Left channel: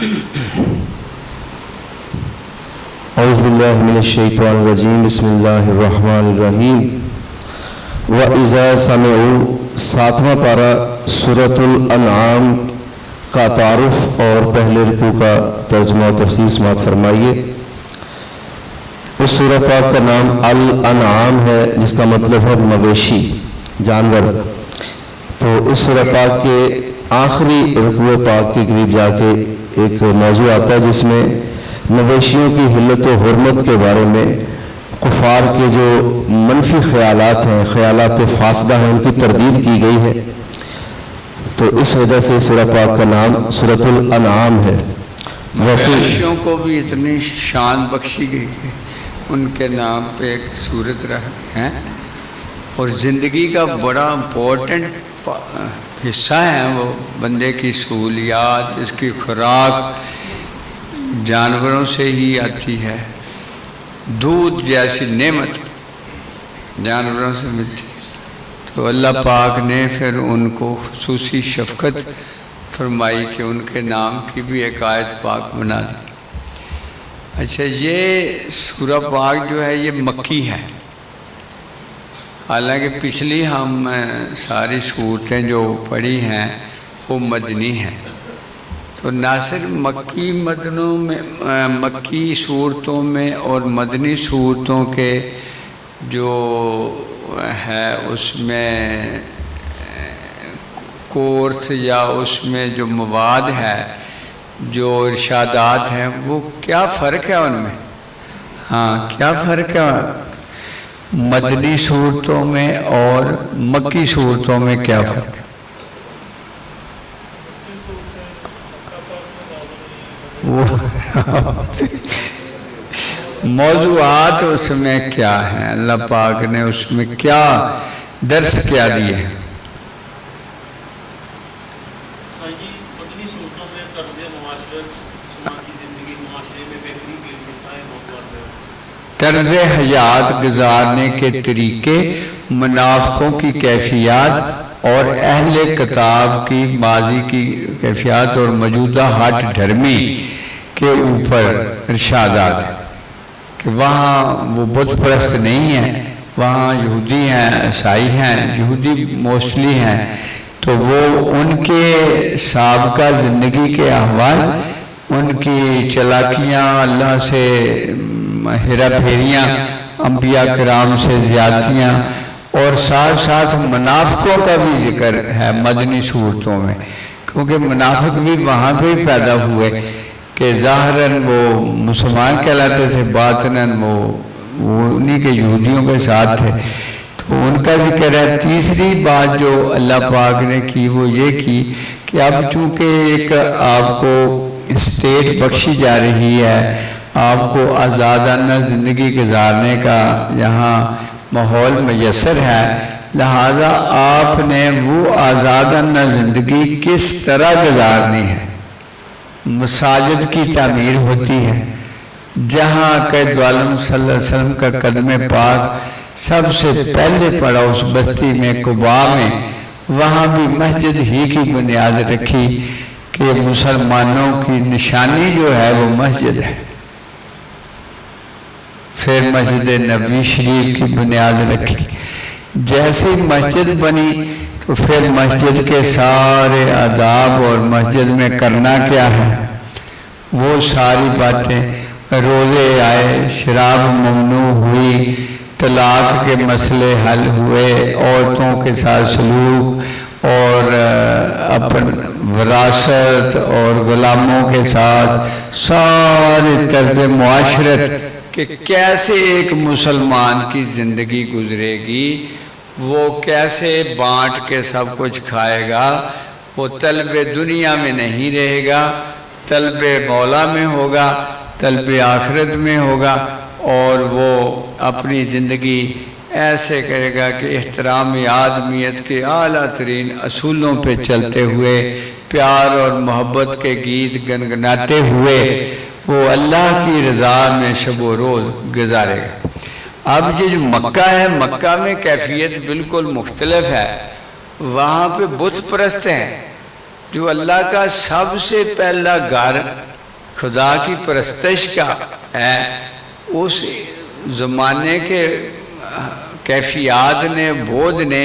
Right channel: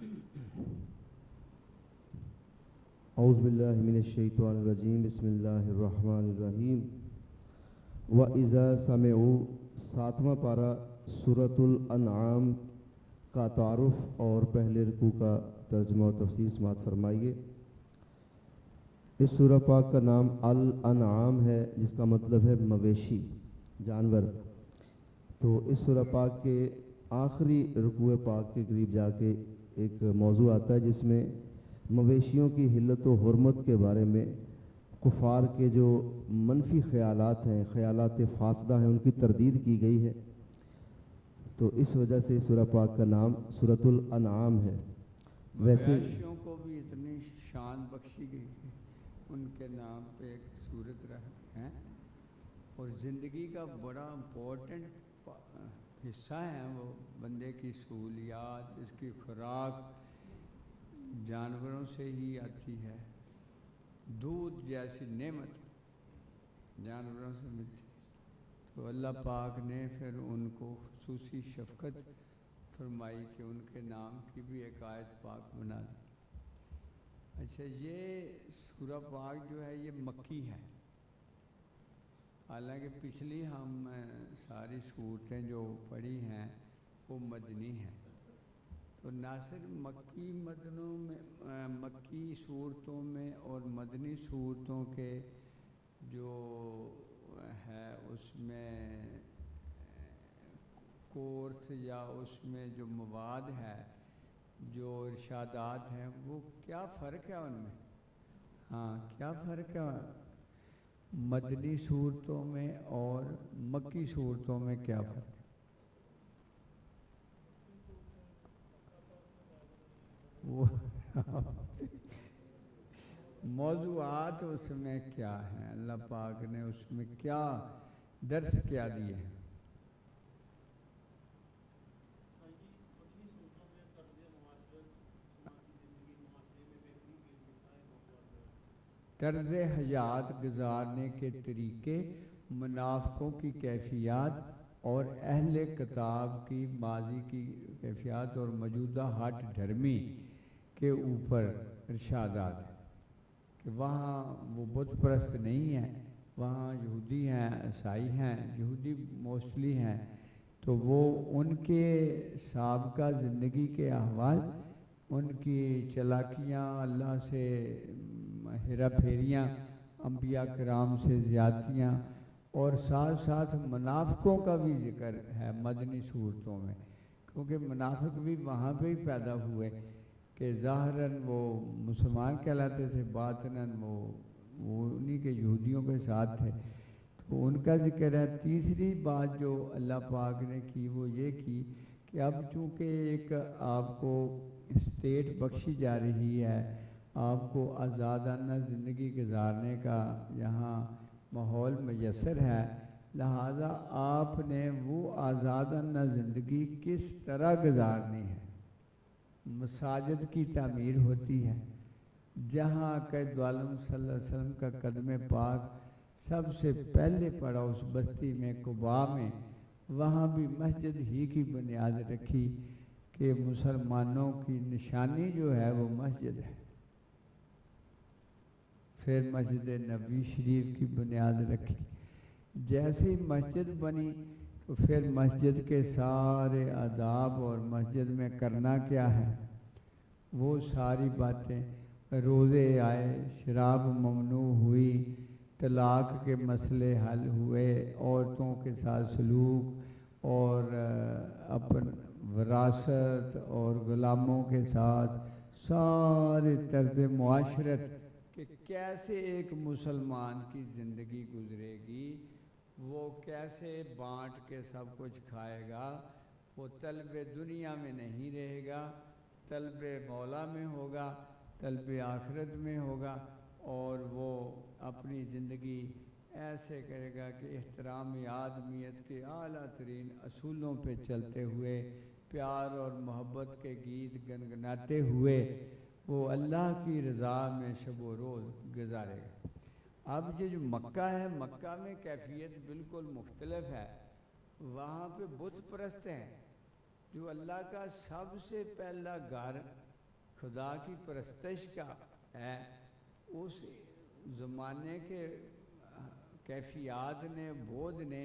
اعوذ باللہ من الشیطان الرجیم بسم اللہ الرحمن الرحیم وَإِذَا سَمِعُوا 7واں پارہ سورۃ الانعام کا تعارف اور پہلے رکوع کا ترجمہ و تفسیر سماعت فرمائیے۔ اس سورہ پاک کا نام الانعام ہے جس کا مطلب ہے مویشی، جانور۔ تو اس سورہ پاک کے آخری رکوع پاک کے قریب جا کے ایک موضوع آتا ہے جس میں مویشیوں کی حلت و حرمت کے بارے میں کفار کے جو منفی خیالات ہیں، خیالات فاسدہ ہیں، ان کی تردید کی گئی ہے۔ تو اس وجہ سے سورہ پاک کا نام سورۃ الانعام ہے۔ مویشیوں کو بھی اتنی شان بخشی گئی کہ ان کے نام پہ ایک سورت ہے، اور زندگی کا بڑا امپورٹنٹ حصہ ہے وہ بندے کی سہولیات، اس کی خوراک جانوروں سے ہی آتی ہے۔ دودھ جیسی نعمت جانوروں سے ملتی، تو اللہ پاک نے پھر ان کو خصوصی شفقت فرمائی کہ ان کے نام کی بھی ایک آیت پاک بنا دی۔ اچھا، یہ سورہ پاک جو ہے یہ مکی ہے، حالانکہ پچھلی ہم ساری صورتیں جو پڑھی ہیں وہ مدنی ہیں۔ تو ناصر مکی صورتوں میں اور مدنی صورتوں کے جو ہے اس میں کورس یا اس میں جو مواد ہے، جو ارشادات ہیں، وہ کیا فرق ہے ان میں؟ ہاں، کیا فرق ہے مدنی صورتوں میں اور مکی صورتوں میں؟ کیا فرق ہے؟ موضوعات اس میں کیا ہیں، اللہ پاک نے اس میں کیا درس کیا دیے ہیں؟ طرز حیات گزارنے کے طریقے، منافقوں کی کیفیات اور اہل کتاب کی ماضی کی کیفیات اور موجودہ ہٹ دھرمی کے اوپر ارشادات ہیں کہ وہاں وہ بت پرست نہیں ہیں، وہاں یہودی ہیں، عیسائی ہیں، یہودی موسٹلی ہیں، تو وہ ان کے سابقہ زندگی کے احوال، ان کی چلاکیاں، اللہ سے ہیرا پھیریاں، انبیاء کرام سے زیادتیاں، اور ساتھ ساتھ منافقوں کا بھی ذکر ہے مدنی صورتوں میں، کیونکہ منافق بھی وہاں پہ ہی پیدا ہوئے کہ ظاہراً وہ مسلمان کہلاتے تھے، باطناً وہ انہی کے یہودیوں کے ساتھ تھے، تو ان کا ذکر ہے۔ تیسری بات جو اللہ پاک نے کی وہ یہ کی کہ اب چونکہ ایک آپ کو اسٹیٹ بخشی جا رہی ہے، آپ کو آزادانہ زندگی گزارنے کا یہاں ماحول میسر ہے، لہذا آپ نے وہ آزادانہ زندگی کس طرح گزارنی ہے۔ مساجد کی تعمیر ہوتی ہے، جہاں قائد عالم صلی اللہ علیہ وسلم کا قدم پاک سب سے پہلے پڑا اس بستی میں قباء میں، وہاں بھی مسجد ہی کی بنیاد رکھی کہ مسلمانوں کی نشانی جو ہے وہ مسجد ہے۔ پھر مسجد نبوی شریف کی بنیاد رکھی، جیسے مسجد بنی تو پھر مسجد کے سارے آداب اور مسجد میں کرنا کیا ہے وہ ساری باتیں، روزے آئے، شراب ممنوع ہوئی، طلاق کے مسئلے حل ہوئے، عورتوں کے ساتھ سلوک اور اپن وراثت اور غلاموں کے ساتھ سارے طرز معاشرت کہ کیسے ایک مسلمان کی زندگی گزرے گی، وہ کیسے بانٹ کے سب کچھ کھائے گا، وہ طلب دنیا میں نہیں رہے گا، طلب مولا میں ہوگا، طلب آخرت میں ہوگا، اور وہ اپنی زندگی ایسے کرے گا کہ احترام آدمیت کے اعلیٰ ترین اصولوں پہ چلتے ہوئے، پیار اور محبت کے گیت گنگناتے ہوئے وہ اللہ کی رضا میں شب و روز گزارے گا۔ اب یہ جو مکہ ہے، مکہ میں کیفیت بالکل مختلف ہے، وہاں پہ بت پرست ہیں، جو اللہ کا سب سے پہلا گھر خدا کی پرستش کا ہے، اس زمانے کے کیفیات نے، بود نے،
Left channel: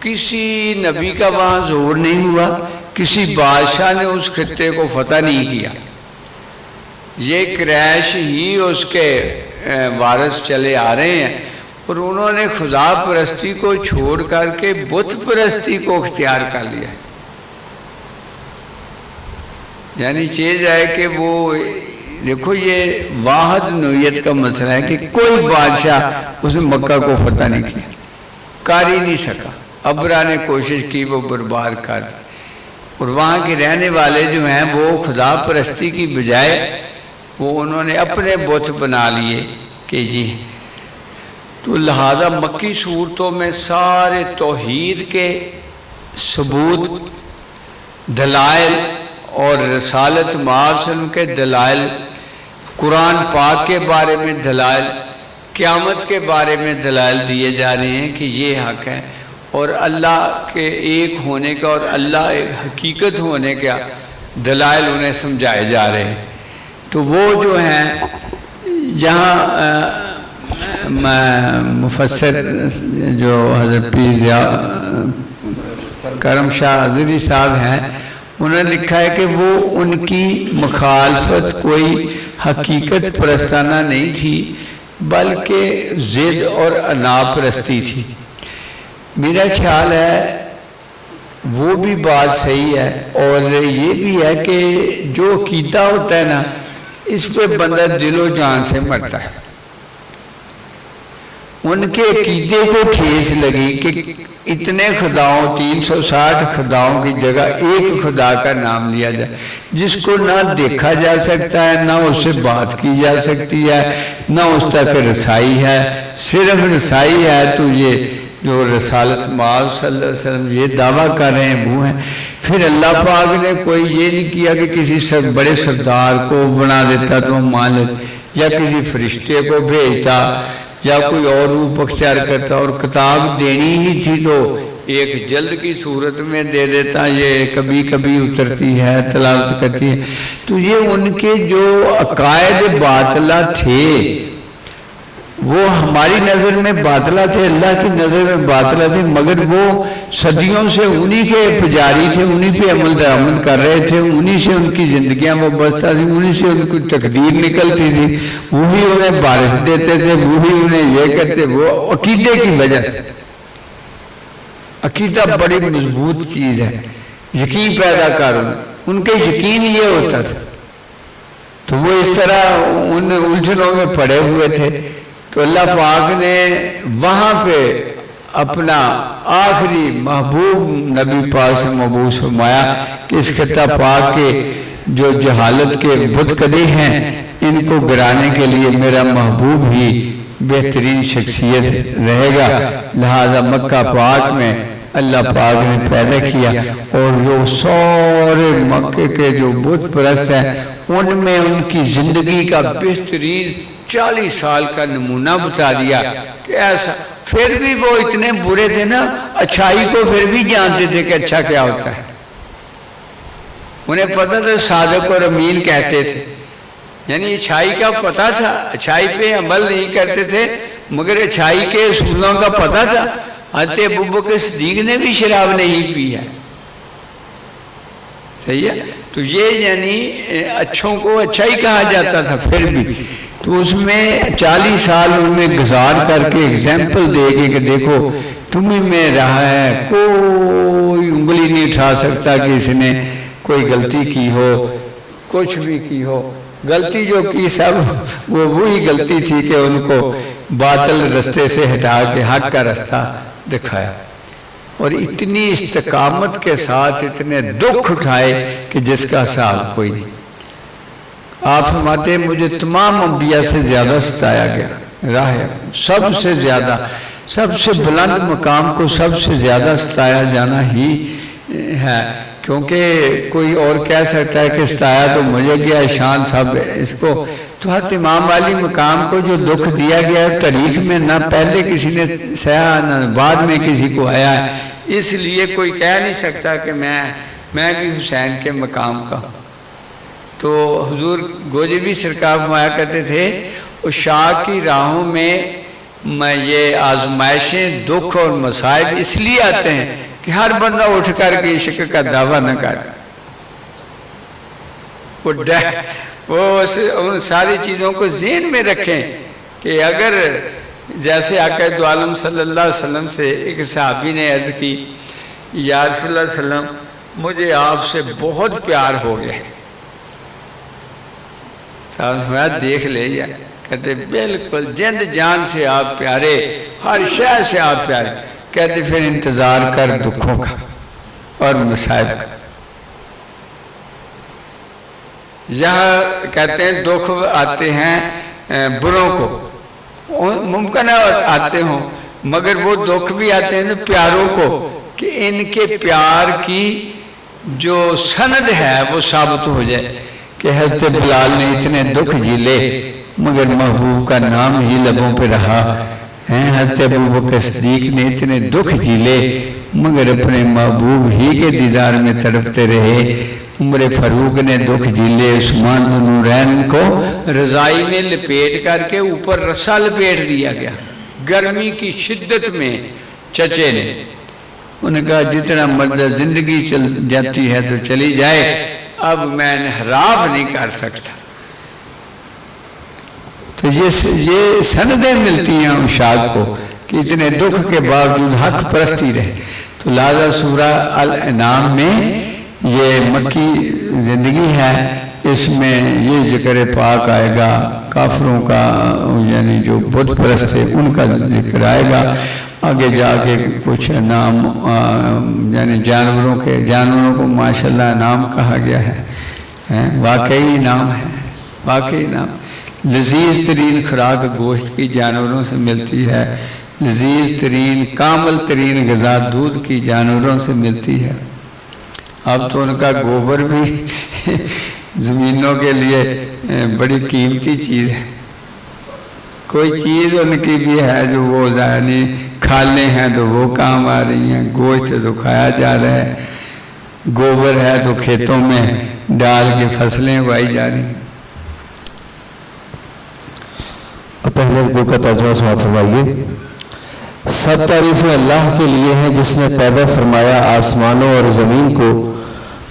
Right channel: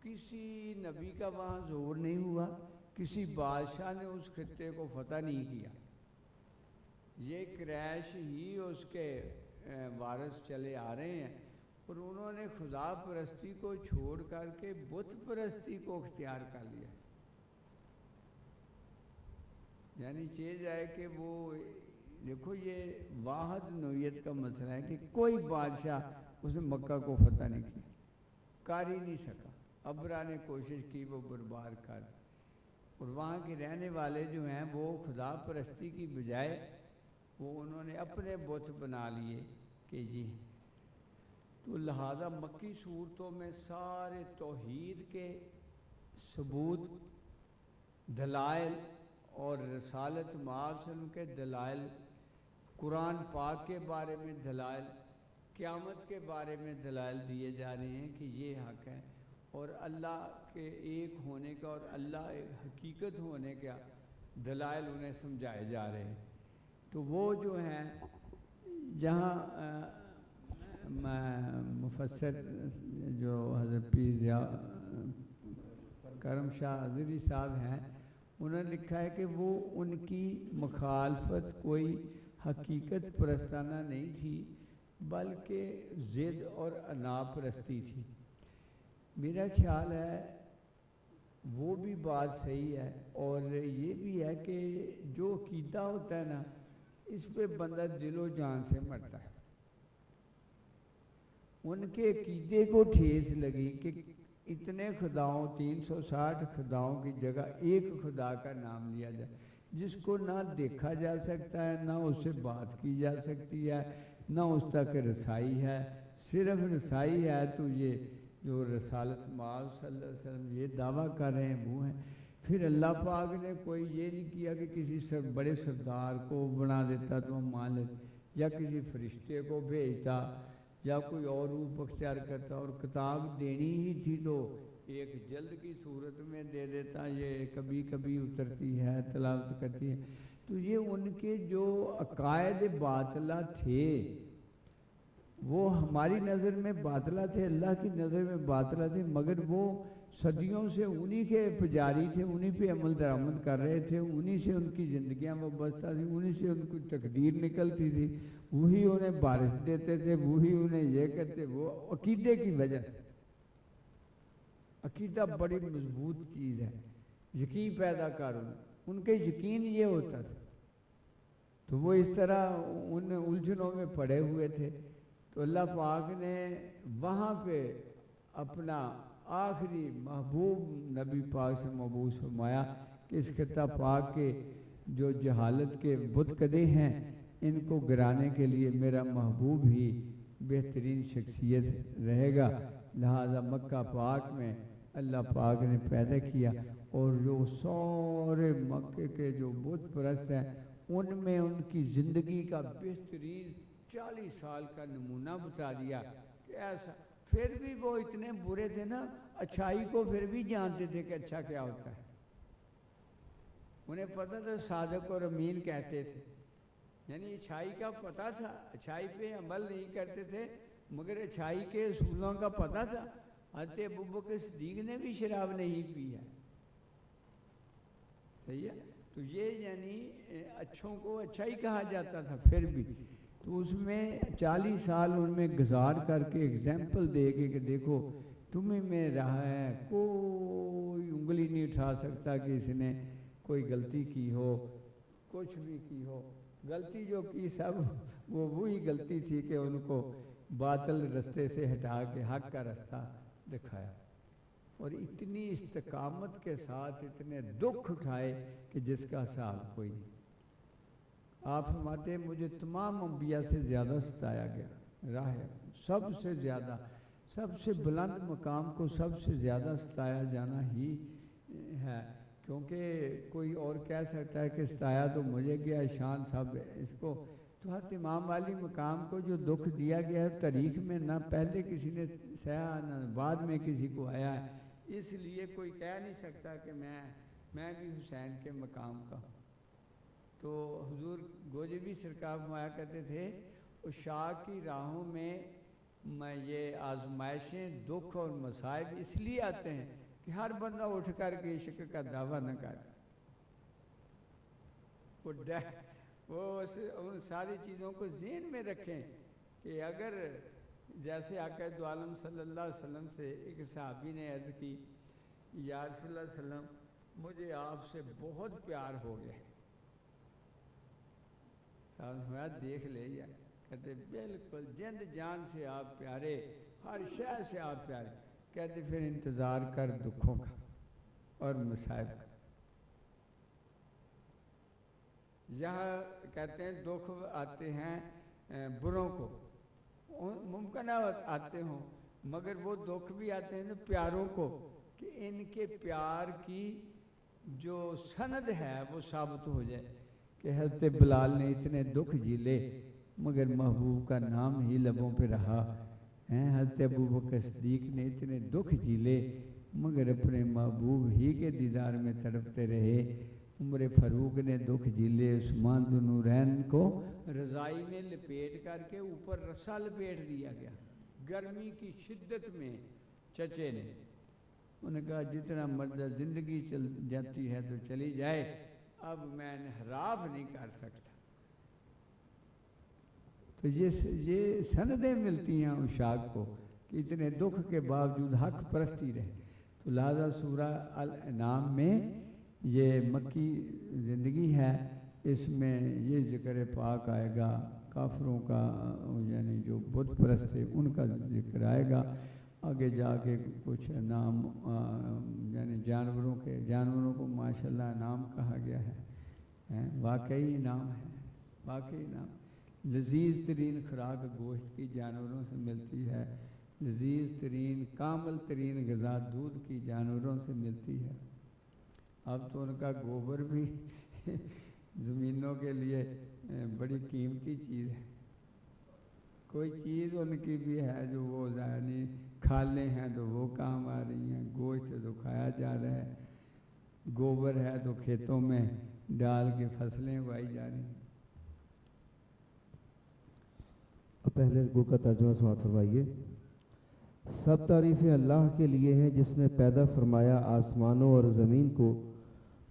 کسی نبی کا وہاں ظہور نہیں ہوا، کسی بادشاہ نے اس خطے کو فتح نہیں کیا، یہ قریش ہی اس کے وارث چلے آ رہے ہیں، اور انہوں نے خدا پرستی کو چھوڑ کر کے بت پرستی کو اختیار کر لیا، یعنی چیز ہے کہ وہ دیکھو یہ واحد نوعیت کا مسئلہ ہے کہ کوئی بادشاہ اس نے مکہ کو فتح نہیں کیا، کر ہی نہیں سکا، ابرا نے کوشش کی وہ برباد کر دی، اور وہاں کے رہنے والے جو ہیں وہ خدا پرستی کی بجائے وہ انہوں نے اپنے بت بنا لیے کہ جی، تو لہذا مکی صورتوں میں سارے توحید کے ثبوت، دلائل اور رسالت معاصم کے دلائل، قرآن پاک کے بارے میں دلائل، قیامت کے بارے میں دلائل دیے جا رہے ہیں کہ یہ حق ہے، اور اللہ کے ایک ہونے کا اور اللہ ایک حقیقت ہونے کا دلائل انہیں سمجھائے جا رہے ہیں۔ تو وہ جو ہیں جہاں مفسر جو حضرت پیر کرم شاہ حضری صاحب ہیں، انہوں نے لکھا ہے کہ وہ ان کی مخالفت کوئی حقیقت پرستانہ نہیں تھی بلکہ ضد اور انا پرستی تھی۔ میرا خیال ہے وہ بھی بات صحیح ہے، اور یہ بھی ہے کہ جو عقیدہ ہوتا ہے نا اس پہ بندہ دل و جان سے مرتا ہے۔ ان کے عقیدے کو ٹھیس لگی کہ اتنے خداؤں 360 خداؤں کی جگہ ایک خدا کا نام لیا جائے جس کو نہ دیکھا جا سکتا ہے، نہ اس سے بات کی جا سکتی ہے، نہ اس تک رسائی ہے، صرف رسائی ہے تو یہ جو رسالت مآب صلی اللہ علیہ وسلم یہ دعویٰ کر رہے ہیں وہ ہیں۔ پھر اللہ پاک نے کوئی یہ نہیں کیا کہ کسی بڑے سردار کو بنا دیتا تو ہم مان لیتے، یا کسی فرشتے کو بھیجتا، یا کوئی اور روپ اختیار کرتا، اور کتاب دینی ہی تھی تو ایک جلد کی صورت میں دے دیتا، یہ کبھی کبھی اترتی ہے، تلاوت کرتی ہے۔ تو یہ ان کے جو عقائد باطلہ تھے وہ ہماری نظر میں باطلہ تھے، اللہ کی نظر میں باطلہ تھے، مگر وہ صدیوں سے انہی کے پجاری تھے، انہی پہ عمل درآمد کر رہے تھے، انہی سے ان کی زندگیاں وابستہ تھیں، انہی سے ان کی تقدیر نکلتی تھی، وہی انہیں بارش دیتے تھے، وہی انہیں یہ کرتے، وہ عقیدے کی وجہ سے۔ عقیدہ بڑی مضبوط چیز ہے، یقین پیدا کروں، ان کے یقین یہ ہوتا تھا، تو وہ اس طرح ان الجھنوں میں پڑے ہوئے تھے۔ تو اللہ پاک نے وہاں پہ اپنا آخری محبوب نبی پاک سے مبعوث فرمایا کہ اس خطہ پاک کے جو جہالت کے بت کدے ہیں ان کو گرانے کے لیے میرا محبوب ہی بہترین شخصیت رہے گا، لہذا مکہ پاک میں اللہ پاک نے پیدا کیا، اور جو سارے مکے کے جو بت پرست ہیں ان میں ان کی زندگی کا بہترین 40 سال کا نمونہ بتا دیا کہ ایسا، پھر بھی وہ اتنے برے تھے نا، اچھائی کو پھر بھی جانتے تھے کہ اچھا کیا ہوتا ہے، انہیں پتہ تھا صادق اور امین کہتے تھے، یعنی اچھائی کا پتہ تھا، اچھائی پہ عمل نہیں کرتے تھے مگر اچھائی کے اصولوں کا پتہ تھا۔ حضرت ابوبکر صدیق نے بھی شراب نہیں پی ہے، صحیح ہے، تو یہ یعنی اچھوں کو اچھا ہی کہا جاتا تھا پھر بھی، تو اس میں 40 سال ان میں گزار کر کے ایگزامپل دے کے کہ دیکھو تمہیں میں رہا ہے، کوئی انگلی نہیں اٹھا سکتا کہ اس نے کوئی غلطی کی ہو، کچھ بھی کی ہو، غلطی جو کی سب وہ وہی غلطی تھی کہ ان کو باطل رستے سے ہٹا کے حق کا رستہ دکھایا، اور اتنی استقامت کے ساتھ اتنے دکھ اٹھائے کہ جس کا حساب کوئی نہیں۔ آپ فرماتے ہیں مجھے تمام انبیاء سے زیادہ ستایا گیا، راہ سب سے زیادہ، سب سے بلند مقام کو سب سے زیادہ ستایا جانا ہی ہے، کیونکہ کوئی اور کہہ سکتا ہے کہ ستایا تو مجھے گیا، شان سب اس کو، تو حضرت امام والی مقام کو جو دکھ دیا گیا ہے تاریخ میں نہ پہلے کسی نے سہا نہ بعد میں کسی کو آیا ہے، اس لیے کوئی کہہ نہیں سکتا کہ میں بھی حسین کے مقام کا۔ تو حضور گوجری سرکار فرمایا کرتے تھے عشاق کی راہوں میں یہ آزمائشیں دکھ اور مصائب اس لیے آتے ہیں کہ ہر بندہ اٹھ کر کے عشق کا دعویٰ نہ کر، وہ ان ساری چیزوں کو ذہن میں رکھیں کہ اگر جیسے آقا دو عالم صلی اللہ علیہ وسلم سے ایک صحابی نے عرض کی یا رسول اللہ علیہ وسلم مجھے آپ سے بہت پیار ہو گیا، صاحب دیکھ لے یا کہتے بالکل جند جان سے آپ پیارے، ہر شے سے آپ پیارے، کہتے پھر انتظار کر دکھوں کا اور مصائب کا۔ یہاں کہتے ہیں دکھ آتے ہیں بروں کو، ممکن ہے آتے ہوں مگر وہ دکھ بھی آتے ہیں پیاروں کو کہ ان کے پیار کی جو سند ہے وہ ثابت ہو جائے کہ حضرت بلال نے اتنے دکھ جھیلے مگر محبوب کا نام ہی لبوں پہ رہا، حضرت ابوبکر صدیق نے اتنے دکھ جھیلے مگر اپنے محبوب ہی کے دیدار میں تڑپتے رہے، عمر فاروق نے دکھ جھیلے، عثمان ذو النورین کو رضائی میں لپیٹ کر کے اوپر رسا لپیٹ دیا گیا گرمی کی شدت میں۔ چچے نے انہوں نے کہا جتنا مرضہ زندگی چل جاتی ہے تو چلی جائے، اب میں انحراف نہیں کر سکتا۔ تو یہ سندیں ملتی ہیں عشاق کو کہ اتنے دکھ کے باوجود حق پرستی رہے۔ تو لہذا سورہ الانعام میں یہ مکی زندگی ہے، اس میں یہ ذکر پاک آئے گا، کافروں کا یعنی جو بت پرست ہے ان کا ذکر آئے گا، آگے جا کے کچھ نام یعنی جانوروں کو ماشاءاللہ نام کہا گیا ہے، واقعی نام ہے، واقعی نام۔ لذیذ ترین خوراک گوشت کی جانوروں سے ملتی ہے، لذیذ ترین کامل ترین غذا دودھ کی جانوروں سے ملتی ہے۔ اب تو ان کا گوبر بھی زمینوں کے لیے بڑی قیمتی چیز ہے، کوئی چیز ان کی بھی ہے جو وہ یعنی کھالیں ہیں تو وہ کام آ رہی ہیں، گوشت تو کھایا جا رہا ہے، گوبر ہے تو کھیتوں میں ڈال کے فصلیں اگائی جا رہی ہیں۔ پہلے رکوع کا ترجمہ سماعت فرمائیے۔ سب تعریفیں اللہ کے لیے ہیں جس نے پیدا فرمایا آسمانوں اور زمین کو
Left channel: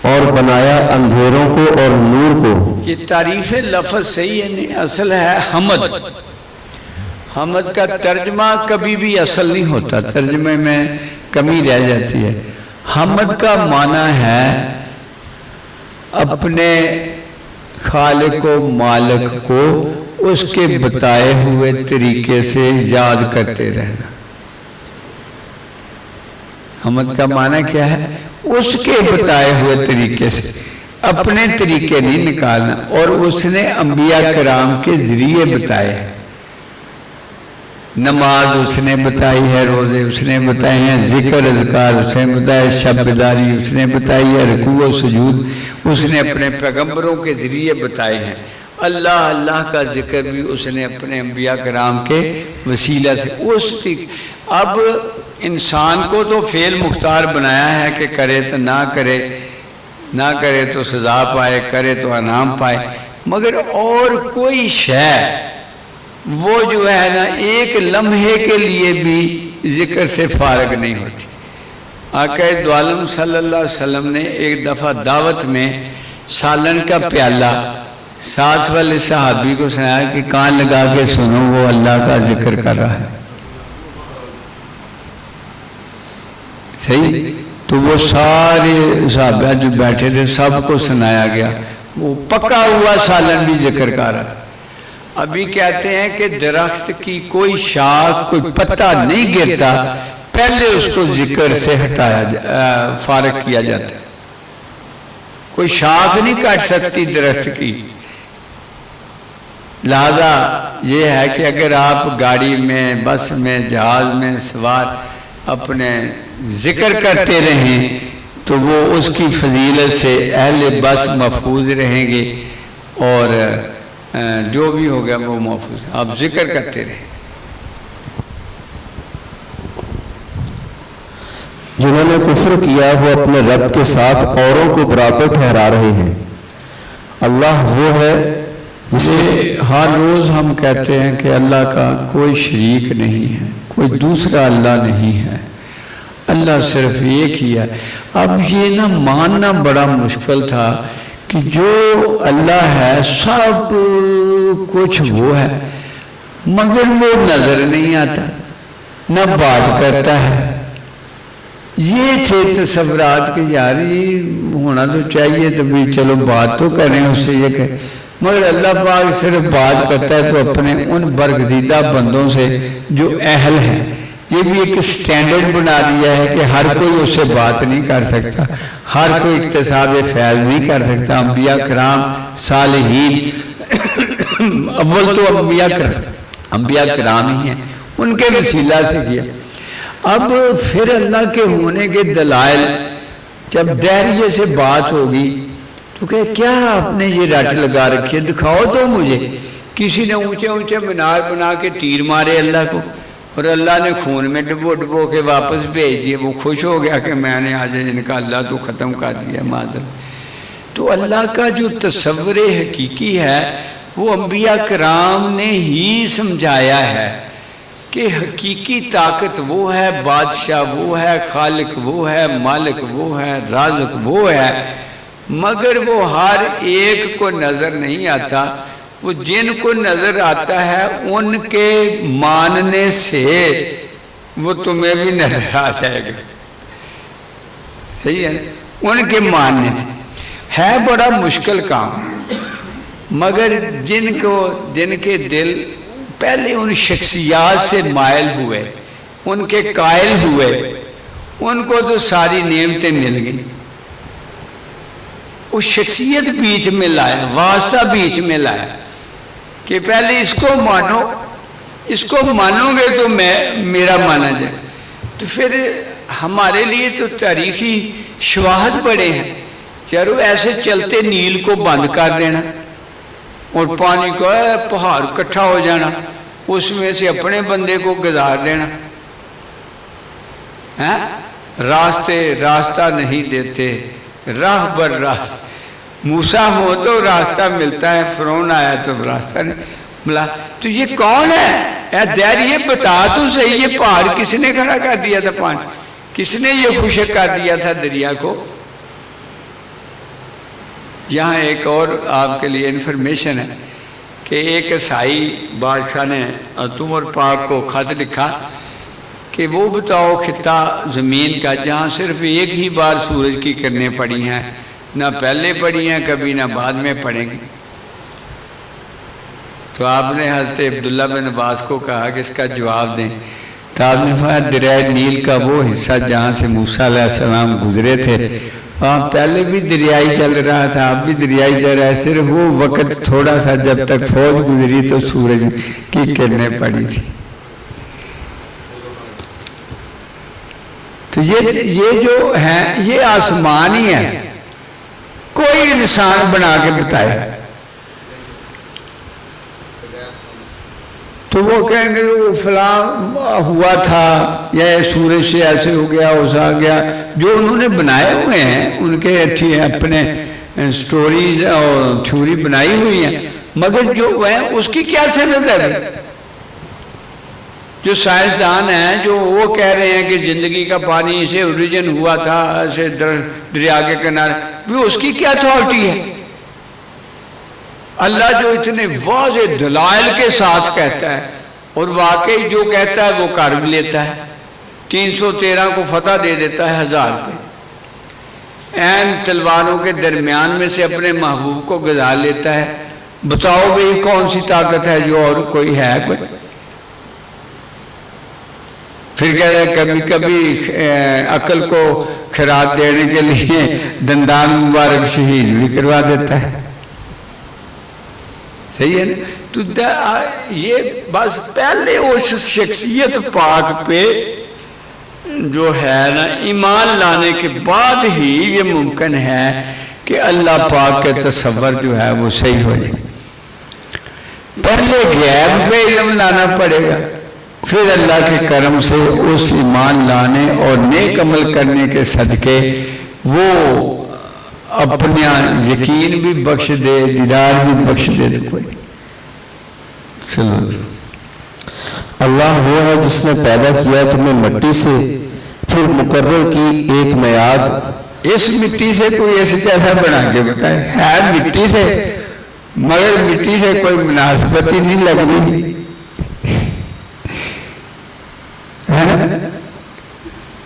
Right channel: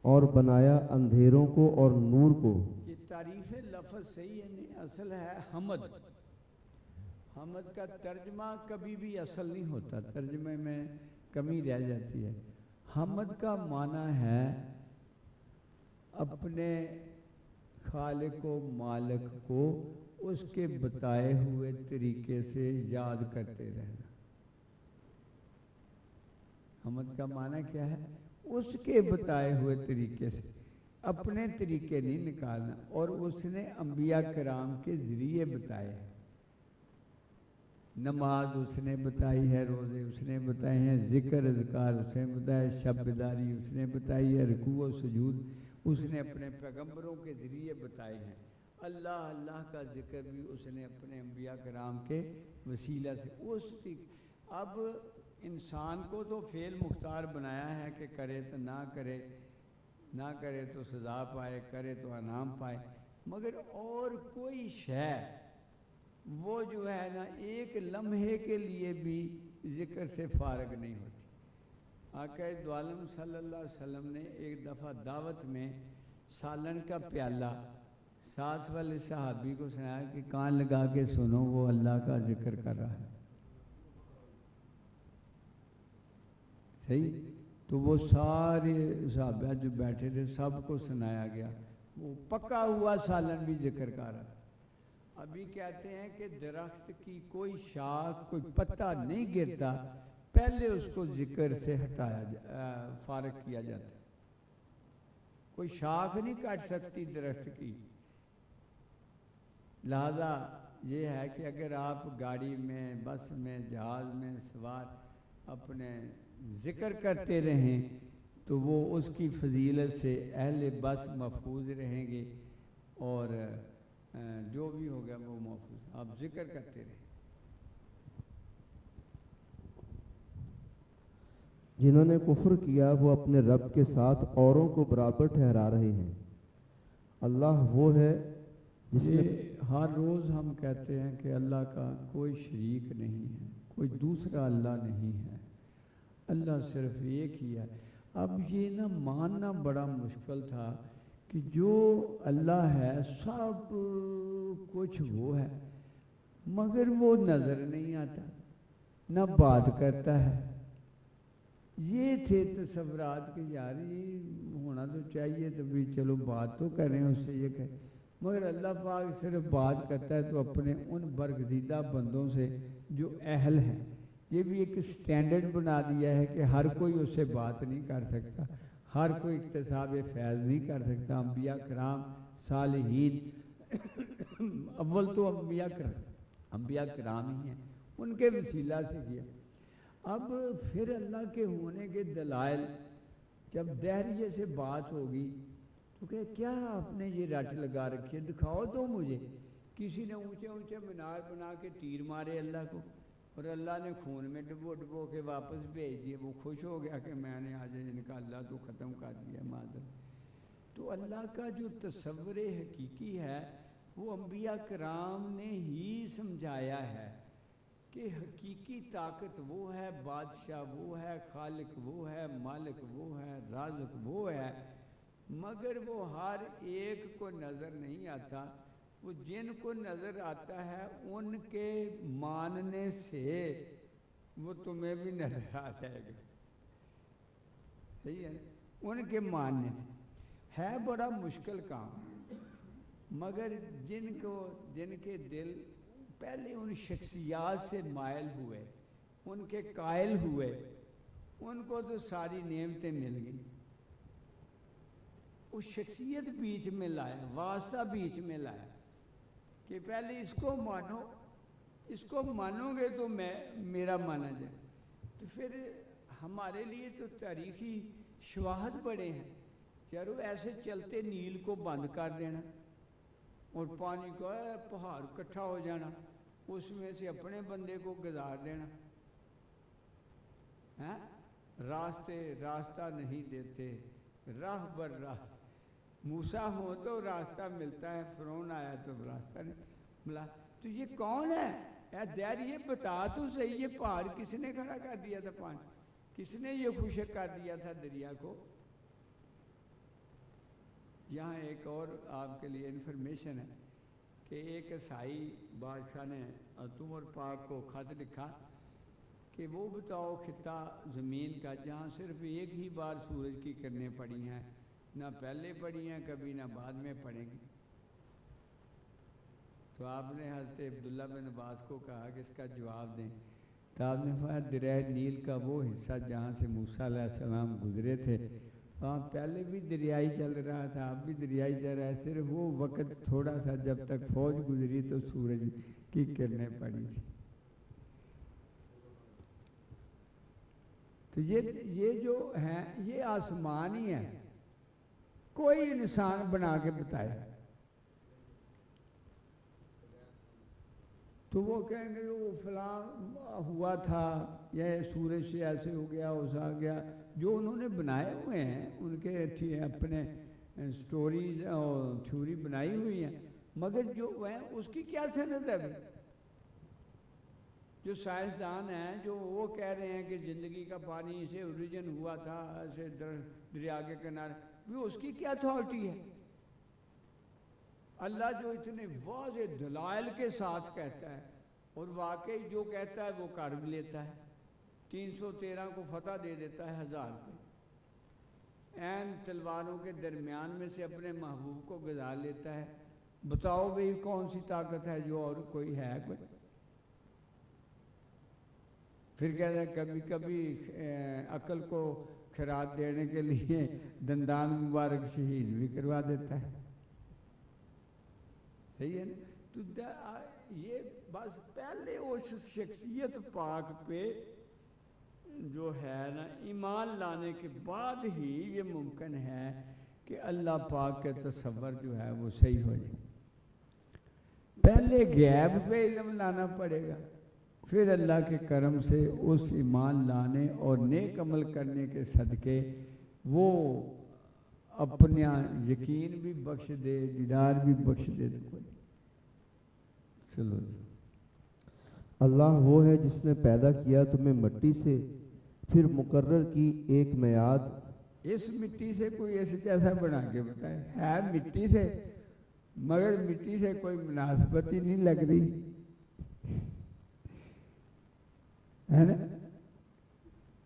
اور بنایا اندھیروں کو اور نور کو۔ یہ تعریف لفظ صحیح ہے نہیں، اصل ہے حمد۔ حمد کا ترجمہ کبھی بھی اصل نہیں ہوتا، ترجمے میں کمی رہ جاتی ہے۔ حمد کا معنی ہے اپنے خالق و مالک کو اس کے بتائے ہوئے طریقے سے یاد کرتے رہنا۔ حمد کا معنی کیا ہے؟ اس کے بتائے ہوئے طریقے سے، اپنے طریقے نہیں نکالنا، اور اس نے انبیاء کرام کے ذریعے بتائے ہیں۔ نماز اس نے بتائی ہے، روزے اس نے بتائے ہیں، ذکر اذکار اس نے بتایا، شب بیداری اس نے بتائی ہے، رکوع و سجود اس نے اپنے پیغمبروں کے ذریعے بتائے ہیں۔ اللہ کا ذکر بھی اس نے اپنے انبیاء کرام کے وسیلہ سے اب انسان کو تو فعل مختار بنایا ہے کہ کرے تو نہ کرے تو سزا پائے، کرے تو انعام پائے، مگر اور کوئی شے وہ جو ہے نا ایک لمحے کے لیے بھی ذکر سے فارغ نہیں ہوتی۔ آقا دو عالم صلی اللہ علیہ وسلم نے ایک دفعہ دعوت میں سالن کا پیالہ ساتھ والے صحابی کو سنایا کہ کان لگا کے سنو، وہ اللہ کا ذکر کر رہا ہے۔ صحیح؟ تو وہ سارے صحابہ جو بیٹھے تھے سب کو سنایا گیا، وہ پکا ہوا سالن بھی ذکر کر رہا تھا۔ ابھی کہتے ہیں کہ درخت کی کوئی شاخ کوئی پتا نہیں گرتا، پہلے اس کو ذکر سے ہٹایا فارغ کیا جاتا ہے۔ کوئی شاخ نہیں کاٹ سکتی درخت کی۔ لہذا یہ ہے کہ اگر آپ گاڑی میں، بس میں، جہاز میں سوار اپنے ذکر کرتے رہیں تو وہ اس کی فضیلت سے اہل بس محفوظ رہیں گے، اور جو بھی ہوگا وہ محفوظ۔ آپ ذکر کرتے رہیں۔ جنہوں نے کفر کیا وہ اپنے رب کے ساتھ اوروں کو برابر ٹھہرا رہے ہیں، اللہ وہ ہے جسے ہر روز ہم کہتے ہیں کہ اللہ کا کوئی شریک نہیں ہے، کوئی دوسرا اللہ نہیں ہے، اللہ صرف ایک ہی ہے۔ اب یہ نہ ماننا بڑا مشکل تھا کہ جو اللہ ہے سب کچھ وہ ہے، مگر وہ نظر نہیں آتا، نہ بات کرتا ہے۔ یہ تھے تصورات کہ یار یہ ہونا تو چاہیے تو بھی چلو بات تو کریں اس سے، یہ کہ مگر اللہ پاک صرف بات کرتا ہے تو اپنے ان برگزیدہ بندوں سے جو اہل ہیں۔ یہ بھی ایک سٹینڈرڈ بنا دیا ہے کہ ہر کوئی اس سے بات نہیں کر سکتا، ہر کوئی اکتساب فیض نہیں کر سکتا۔ انبیاء کرام، صالحین، اول تو انبیاء کرام ہی ہیں، ان کے وسیلہ سے کیا۔ اب پھر اللہ کے ہونے کے دلائل جب دہریے سے بات ہوگی تو کہ کیا آپ نے یہ رٹ لگا رکھی ہے، دکھاؤ تو مجھے۔ کسی نے اونچے اونچے مینار بنا کے تیر مارے اللہ کو، اور اللہ نے خون میں ڈبو ڈبو کے واپس بھیج دیے۔ وہ خوش ہو گیا کہ میں نے آج ان کا اللہ تو ختم کر دیا معذر۔ تو اللہ کا جو تصور حقیقی ہے وہ انبیاء کرام نے ہی سمجھایا ہے کہ حقیقی طاقت وہ ہے، بادشاہ وہ ہے، خالق وہ ہے، مالک وہ ہے، رازق وہ ہے، مگر وہ ہر ایک کو نظر نہیں آتا۔ وہ جن کو نظر آتا ہے ان کے ماننے سے وہ تمہیں بھی نظر آ جائے گا، صحیح ہے؟ ان کے ماننے سے ہے بڑا مشکل کام، مگر جن کے دل پہلے ان شخصیات سے مائل ہوئے، ان کے قائل ہوئے، ان کو تو ساری نعمتیں مل گئیں۔ وہ شخصیت بیچ میں لایا، واسطہ بیچ میں لایا کہ پہلے اس کو مانو، اس کو مانو گے تو میرا مانا جائے۔ تو پھر ہمارے لیے تو تاریخی شواہد بڑے ہیں، یارو ایسے چلتے نیل کو بند کر دینا اور پانی کو پہاڑ کٹھا ہو جانا، اس میں سے اپنے بندے کو گزار دینا۔ راستہ نہیں دیتے، راہ بر راست۔ موسیٰ ہو تو راستہ ملتا ہے، فرعون آیا تو راستہ نہیں ملا۔ تو یہ کون ہے؟ اے دیر یہ بتا تو صحیح، یہ پہاڑ کس نے کھڑا کر دیا تھا؟ پانی کس نے یہ خشک کر دیا تھا دریا کو؟ یہاں ایک اور آپ کے لیے انفارمیشن ہے کہ ایک عیسائی بادشاہ نے عمر پاک کو خط لکھا کہ وہ بتاؤ خطہ زمین کا جہاں صرف ایک ہی بار سورج کی کرنیں پڑی ہیں، نہ پہلے پڑی ہیں کبھی نہ بعد میں پڑیں گی۔ تو آپ نے حضرت عبداللہ بن عباس کو کہا کہ اس کا جواب دیں۔ تو آپ نے فرمایا دریائے نیل کا وہ حصہ جہاں سے موسیٰ علیہ السلام گزرے تھے وہاں پہلے بھی دریائی چل رہا تھا، اب بھی دریائی چل رہا ہے، صرف وہ وقت تھوڑا سا جب تک فوج گزری تو سورج کی کرنیں پڑی تھی۔ تو یہ جو ہے یہ آسمان ہی ہے، کوئی انسان بنا کے بتائے تو وہ کہیں گے وہ فلاں ہوا تھا یا سورج سے ایسے ہو گیا اسا گیا۔ جو انہوں نے بنائے ہوئے ہیں ان کے اپنے سٹوریز اور تھیوری بنائی ہوئی ہیں، مگر جو ہے اس کی کیا سند ہے؟ جو سائنسدان ہیں جو وہ کہہ رہے ہیں کہ زندگی کا پانی سے اوریجن ہوا تھا ایسے دریا کے کنارے، بھی اس کی کیا اتھارٹی ہے؟ اللہ جو اتنے واضح دلائل کے ساتھ کہتا ہے اور واقعی جو کہتا ہے وہ کر بھی لیتا ہے، 313 کو فتح دے دیتا ہے 1000 پہ، این تلواروں کے درمیان میں سے اپنے محبوب کو گزار لیتا ہے۔ بتاؤ بھئی کون سی طاقت ہے جو اور کوئی ہے؟ کوئی پھر کہتا ہے کبھی کبھی عقل کو خراج دینے کے لیے دندان مبارک شہید بھی کروا دیتا ہے، صحیح ہے نا؟ تو یہ بس پہلے اس شخصیت پاک پہ جو ہے نا ایمان لانے کے بعد ہی یہ ممکن ہے کہ اللہ پاک کے تصور جو ہے وہ صحیح ہو جائے۔ پہلے غیب پہ علم لانا پڑے گا، پھر اللہ کے کرم سے اس ایمان لانے اور نیک عمل کرنے کے صدقے وہ اپنا یقین بھی بخش دے، دیدار بھی بخش دے تو کوئی چلو۔ اللہ وہ ہے جس نے پیدا کیا تمہیں مٹی سے، پھر مقرر کی ایک میعاد۔ اس مٹی سے کوئی ایسے جیسا بنا کے بتائے، ہے مٹی سے مگر مٹی سے کوئی مناسبت ہی نہیں لگ رہی،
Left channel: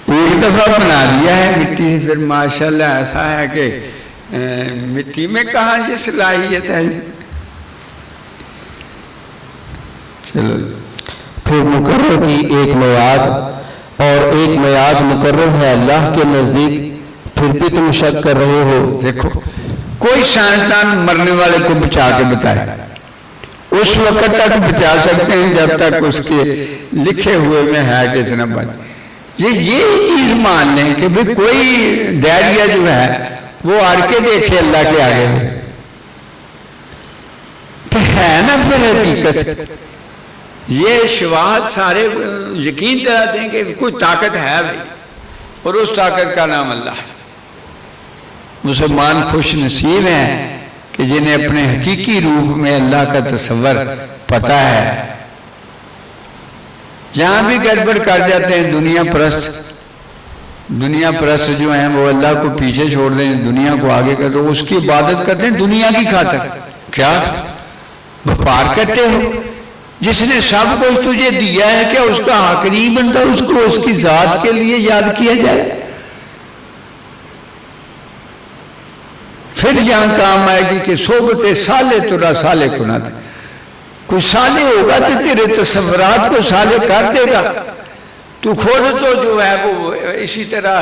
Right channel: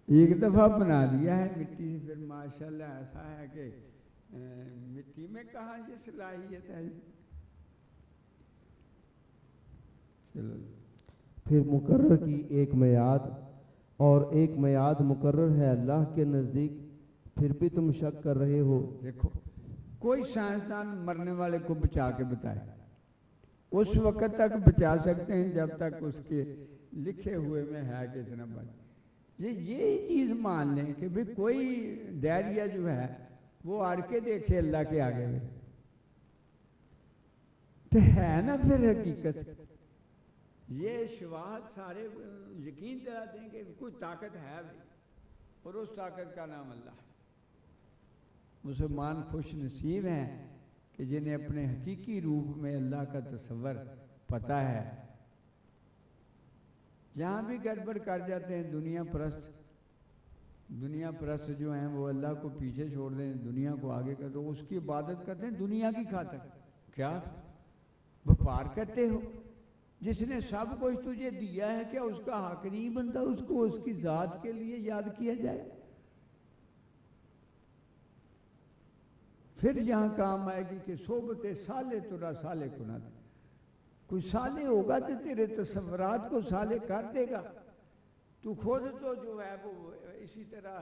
ایک دفعہ بنا لیا ہے مٹی سے، پھر ماشاءاللہ ایسا ہے کہ مٹی میں کہاں یہ صلاحیت ہے۔ چلو، پھر مقرر کی ایک میعاد، اور ایک میعاد مقرر ہے اللہ کے نزدیک، پھر بھی تم شک کر رہے ہو۔ دیکھو کوئی سائنسدان مرنے والے کو بچا کے بتائے، اس وقت تک بچا سکتے ہیں جب تک اس کے لکھے ہوئے میں ہے کہ اتنا بچ، یہ چیز مان لیں کہ بھی کوئی دائرہ جو ہے وہ آڑ کے دیکھے اللہ کے آگے میں تو ہے نا، پھر حقیقت یہ شواہد سارے یقین دلاتے ہیں کہ کوئی طاقت ہے بھائی، اور اس طاقت کا نام اللہ ہے۔ مسلمان خوش نصیب ہیں کہ جنہیں اپنے حقیقی روح میں اللہ کا تصور پتہ ہے۔ جہاں بھی گڑبڑ کر جاتے ہیں دنیا پرست جو ہیں وہ اللہ کو پیچھے چھوڑ دیں، دنیا کو آگے کر دو، اس کی عبادت کرتے ہیں دنیا کی خاطر۔ کیا وپار کرتے ہو؟ جس نے سب کچھ تجھے دیا ہے کیا اس کا حق نہیں بنتا اس کو اس کی ذات کے لیے یاد کیا جائے؟ پھر یہاں کام آئے گی کہ صحبت صالح ترا صالح کنات، کوئی صالح ہوگا تو تیرے تصورات کو صالح کر دے گا، تو خود تو جو ہے وہ اسی طرح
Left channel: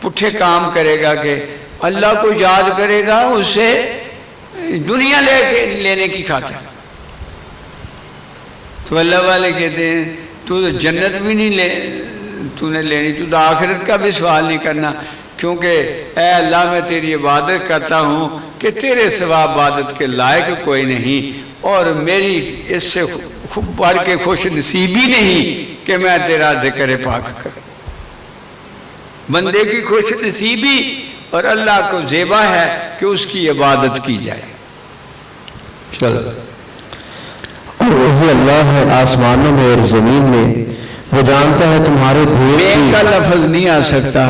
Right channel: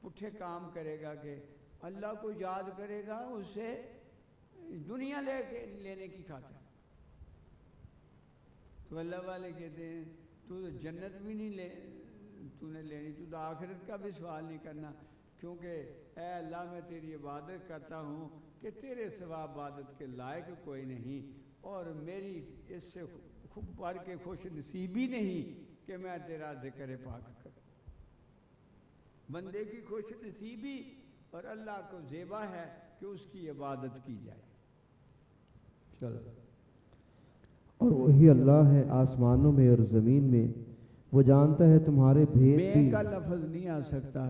پٹھے کام کرے گا کہ اللہ کو یاد کرے گا اس سے دنیا لینے کی خاطر۔ تو اللہ والے کہتے ہیں تو جنت بھی نہیں تو نے لینی، تو آخرت کا بھی سوال نہیں کرنا، کیونکہ اے اللہ میں تیری عبادت کرتا ہوں کہ تیرے سوا عبادت کے لائق کوئی نہیں، اور میری اس سے بڑھ کے خوش نصیبی نہیں کہ میں تیرا ذکر پاک کروں۔ بندے کی خوش نصیبی اور اللہ کو زیبا ہے کہ اس کی عبادت کی جائے۔ چلو، اور وہی اللہ ہے آسمانوں میں اور زمین میں، وہ جانتا ہے تمہارے میں بھید کا لفظ نہیں آ سکتا،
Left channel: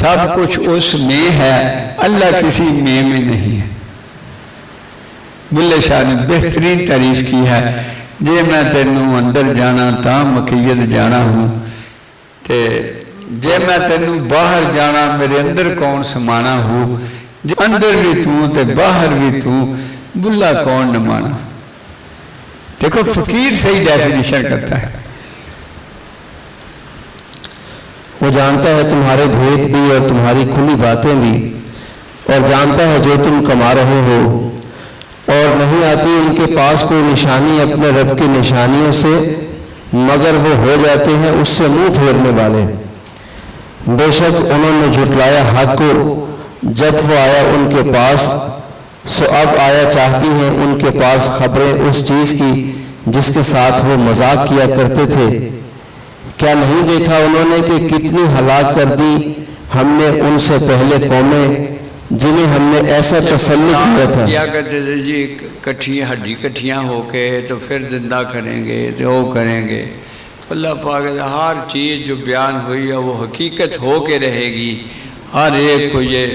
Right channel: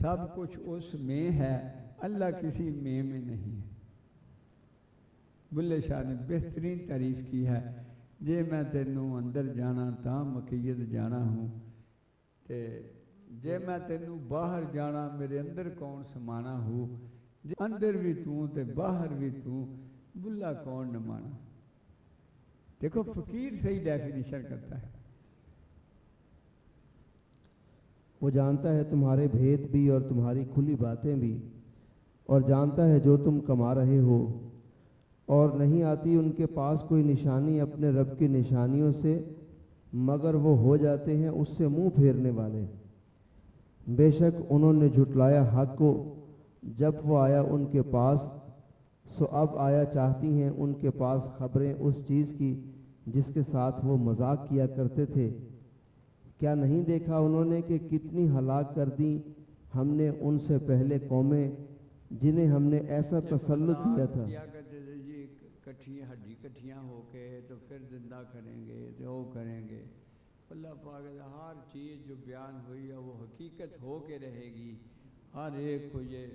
سب کچھ اس میں ہے، اللہ کسی میں نہیں ہے۔ بلے شاہ نے بہترین تعریف کی ہے، جے میں تینوں اندر جانا تا مکیت جانا ہوں، تے جے میں تینوں باہر جانا میرے اندر کون سمانا ہو، جے اندر بھی تو تے باہر بھی تو بلا کون نہ مانا۔ دیکھو فقیر صحیح ڈیفینیشن کرتا ہے۔ وہ جانتا ہے تمہارے بھید بھی اور تمہاری کھلی باتیں بھی، اور جانتا ہے جو تم کما رہے ہو، اور نہیں آتی ان کے پاس کوئی نشانی اپنے رب کی نشانیوں سے، مگر وہ ہو جاتے ہیں اس سے منہ پھیرنے والے۔ بے شک انہوں نے جھٹلایا حق کو جب وہ آیا ان کے پاس، سو اب آیا چاہتی ہیں ان کے پاس خبریں اس چیز کی جس کے ساتھ وہ مذاق کیا کرتے تھے۔ کیا نہیں دیکھا انہوں نے کہ کتنی ہلاک کر دی ہم نے ان سے پہلے قومیں جنہیں ہم نے ایسا تسلط کیا تھا۔ کیا کرتے تھے جی، ہڈی کٹھیاں ہو کے تو پھر زندہ کریں گے تو وہ کریں گے۔ اللہ پاک ہر چیز جو بیان ہوئی ہے وہ حقیقت ہو کے رہے گی، ہر ایک کو یہ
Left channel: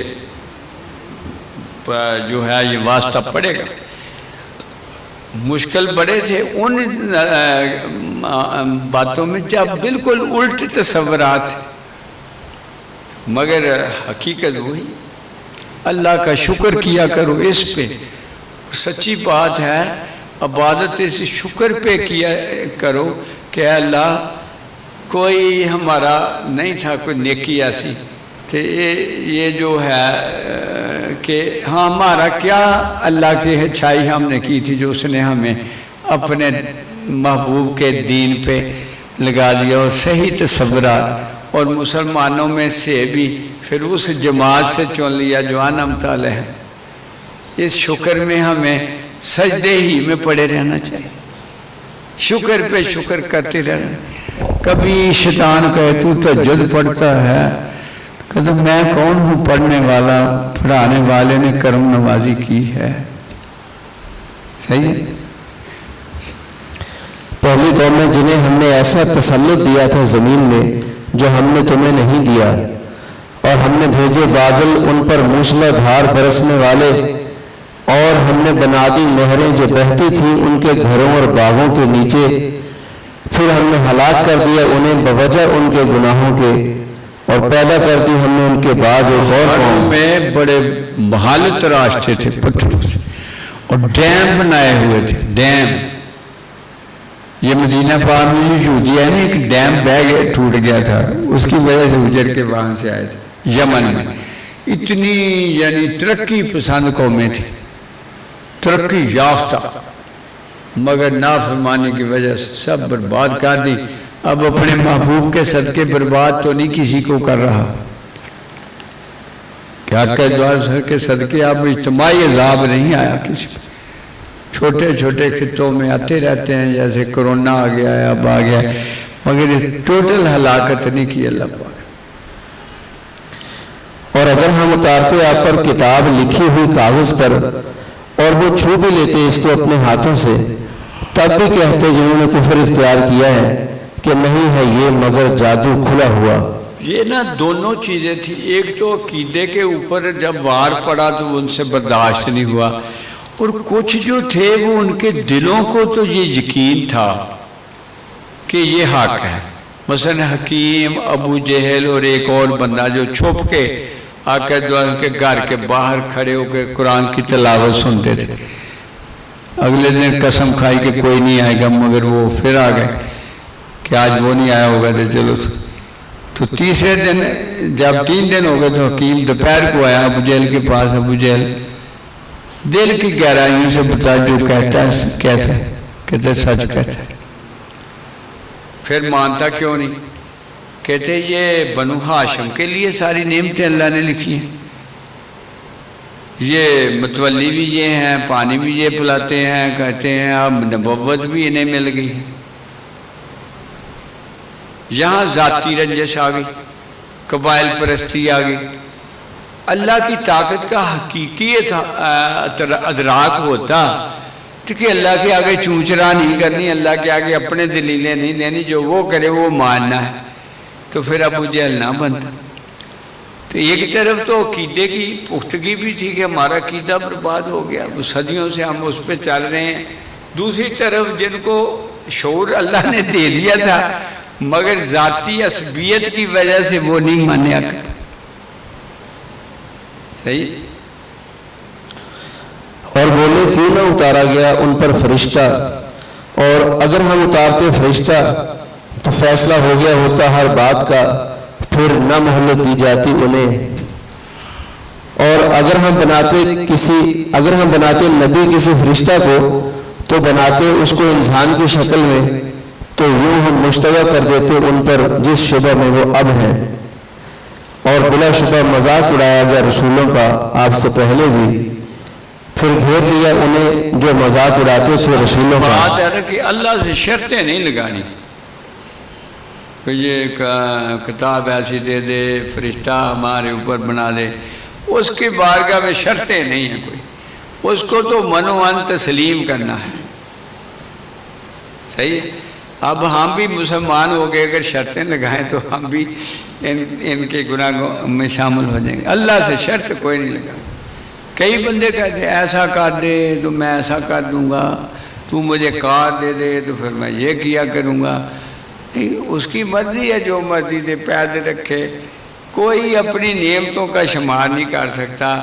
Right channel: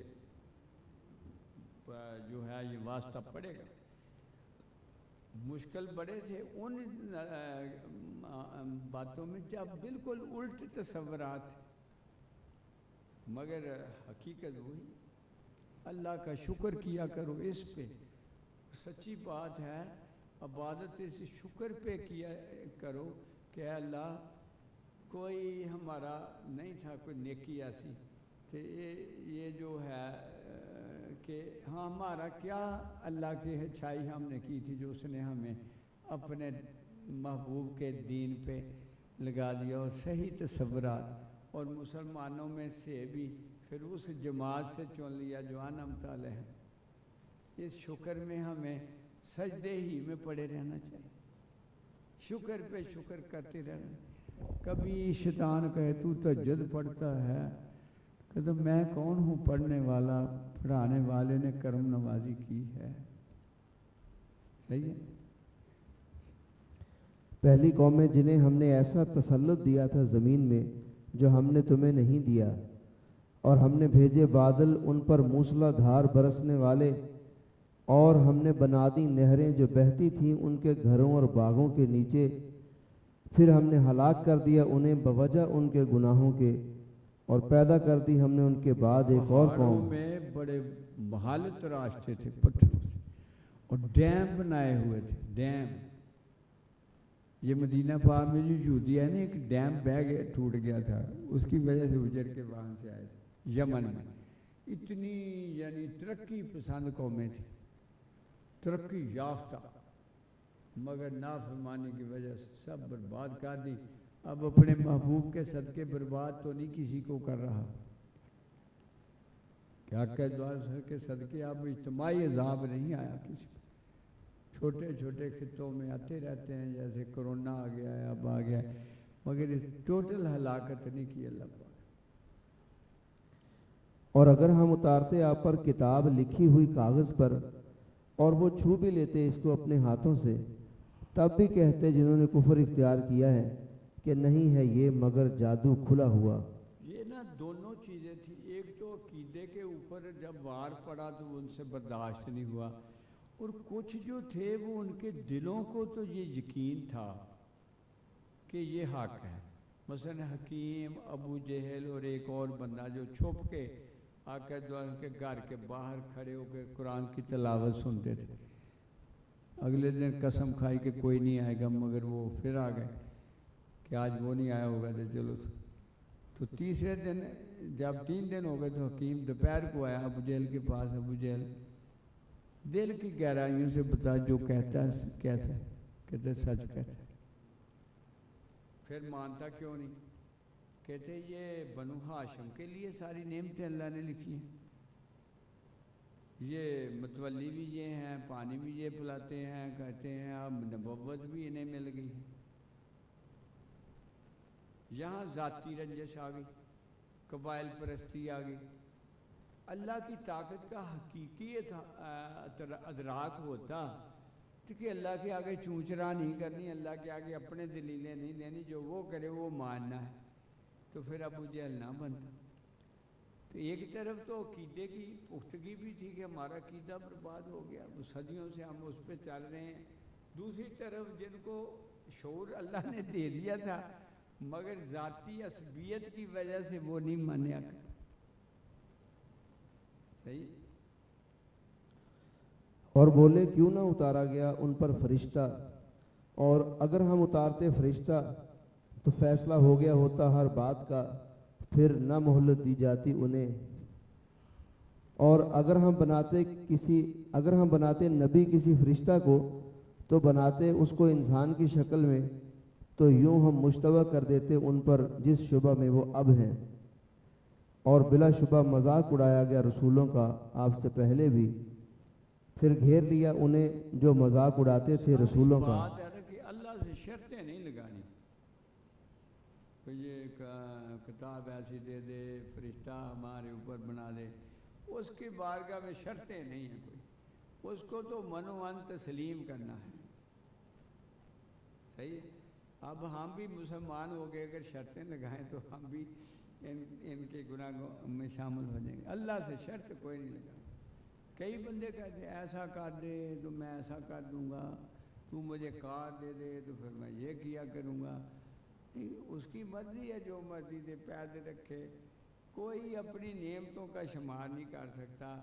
جو ہے یہ واسطہ پڑے گا۔ مشکل بڑے تھے ان باتوں میں جب بالکل الٹ تصورات، مگر حقیقت وہی۔ اللہ کا شکر کیا کرو اس پہ، سچی بات ہے، عبادت اس شکر پہ کیا کرو کہ اللہ کوئی ہمارا نہیں تھا کوئی نیکی ایسی، تو یہ جو ہے کہ ہاں ہمارا کیا اللہ کی اچھائی ہم نے کی تھی جو اس نے ہمیں اپنے محبوب کے دین پہ لگا دیا، اور صحیح تصورات، اور مسلمانوں میں سے بھی پھر اس جماعت سے چن لیا جو انعمت علیہم۔ اس شکر میں ہمیں سجدے ہی میں پڑے رہنا چاہیے، شکر پہ شکر کرتے رہنا۔ کبھی شیطان کہے تو تہجد پڑھتا ہے، کہتا میں کون ہوں پڑھنے والا، پڑھانے والے نے کرم نوازی کی ہے. صحیح ہے. پہلی قومیں جنہیں ہم نے ایسا تسلط دیا تھا زمین میں جو ہم نے تمہیں نہیں دیا، اور ہم نے بھیجے بادل ان پر موسلا دھار برسنے والے، اور ہم نے بنا دی نہریں جو بہتی تھیں ان کے گھروں اور باغوں کے نیچے، پھر ہم نے ہلاک کر دیا انہیں بوجہ ان کے گناہوں کے، اور پیدا کر دی ہم نے ان کے بعد ایک اور قوم. میں بڑے بھالت راستے تھے پتھروں سے، اور ڈیم بنائے ہوئے تھے. ڈیم یہ مدینہ پاک میں جو یہودی ہے نا، ایک ڈیم بہ گیا، ٹوٹ گیا تھا، اس کی وجہ سے اجڑ کے وہاں سے آئے تھے یمن میں. اتنی یعنی ترقی پسند قومیں تھی، ترقی یافتہ، مگر نافرمانی کی وجہ سے سب برباد کر دی. اب اپنے محبوب کے صدقے برباد تو نہیں کسی کو کر رہا. کیا کہ سر کے صدقے اب اجتماعی عذاب نہیں آیا کسی پر. چھوٹے چھوٹے خطوں میں آتے رہتے ہیں، جیسے کرونا آ گیا ہے، اب آ گیا ہے، مگر اس ٹوٹل ہلاکت نہیں کی اللہ پاک. اور اگر ہم اتارتے آپ پر کتاب لکھی ہوئی کاغذ پر، اور وہ چھو بھی لیتے اس کو اپنے ہاتھوں سے، تب بھی کہتے جنہوں نے کفر اختیار کیا ہے کہ نہیں ہے یہ مگر جادو کھلا ہوا. یہ نا دونوں چیزیں تھیں. ایک تو عقیدے کے اوپر جب وار پڑا تو ان سے برداشت نہیں ہوا، اور کچھ جو تھے وہ ان کے دلوں کو تو یہ یقین تھا کہ یہ حق ہے. مثلا حکیم، ابو جہل اور ایک اور بندہ جو چھپ کے آقا دوام کے گھر کے باہر کھڑے ہو کے قرآن کی تلاوت سنتے تھے. اگلے دن قسم کھائی کہ کوئی نہیں آئے گا، مگر وہ پھر آ گئے کہ آج وہ نہیں آیا ہوگا تو چلو. تو تیسرے دن جب 3 دن ہو گئے تو حکیم دوپہر کو آیا ابو جہل کے پاس. ابو جہل دل کی گہرائیوں سے بتا جو کہتا ہے کیسا کہتے سچ کہتا ہے. پھر مانتا کیوں نہیں؟ کہتے یہ بنو ہاشم کے لیے ساری نعمتیں اللہ نے لکھی ہیں، یہ متولی بھی یہ ہیں، پانی بھی یہ پلاتے ہیں، کہتے ہیں اب نبوت بھی انہیں مل گئی. یہاں ذاتی رنجش آ گئی، قبائل پرستی آ گئی. اللہ کی طاقت کا حقیقی ادراک ہوتا تو کہ اللہ کے آگے چونچرا نہیں کرنی، اللہ کے آگے اپنے دلیلیں نہیں دینی، جو وہ کرے وہ ماننا ہے، تو پھر ابو جہل نہ بنتا. تو ایک طرف تو عقیدے کی پختگی بھی تھی کہ ہمارا عقیدہ برباد ہو گیا، وہ صدیوں سے ہم اس پہ چل رہے ہیں. دوسری طرف جن کو شعور اللہ نے دے دیا تھا مگر ذاتی عصبیت کی وجہ سے وہ نہیں مانیا. صحیح. اور بولے کیوں نہ اتارا گیا ان پر فرشتہ، اور اگر ہم اتارتے فرشتہ تو فیصلہ ہو گیا ہوتا ہر بات کا، پھر نہ مہلت دی جاتی انہیں. اور اگر ہم بناتے نبی کسی فرشتہ کو تو بناتے اس کو انسان کی شکل میں، تو یوں ہم مشتبہ کر دیتے ان پر جس شبہ میں وہ اب ہیں. اور بلا شبہ مذاق اڑایا گیا رسولوں کا آپ سے پہلے بھی، پھر گھیر لیا انہیں جو مذاق اڑاتے تھے رسولوں کا. بات ہے کہ اللہ سے شرطیں نہیں لگانی کہ یہ کتاب ایسی دے دے، فرشتہ ہمارے اوپر بنا دے. اس کی بارگاہ میں شرطیں نہیں ہیں کوئی، اس کو تو منوان تسلیم کرنا ہے. صحیح ہے. اب ہم بھی مسلمان ہو گئے، اگر شرطیں لگائیں تو ہم بھی ان کے گناہوں میں شامل ہو جائیں گے. اللہ سے شرط کوئی نہیں لگا. کئی بندے کہتے ہیں ایسا کر دے تو میں ایسا کر دوں گا، تو مجھے کار دے دے تو پھر میں یہ کیا کروں گا. اس کی مرضی ہے، جو مرضی دے پیدا رکھے. کوئی اپنی نعمتوں کا شمار نہیں کر سکتا.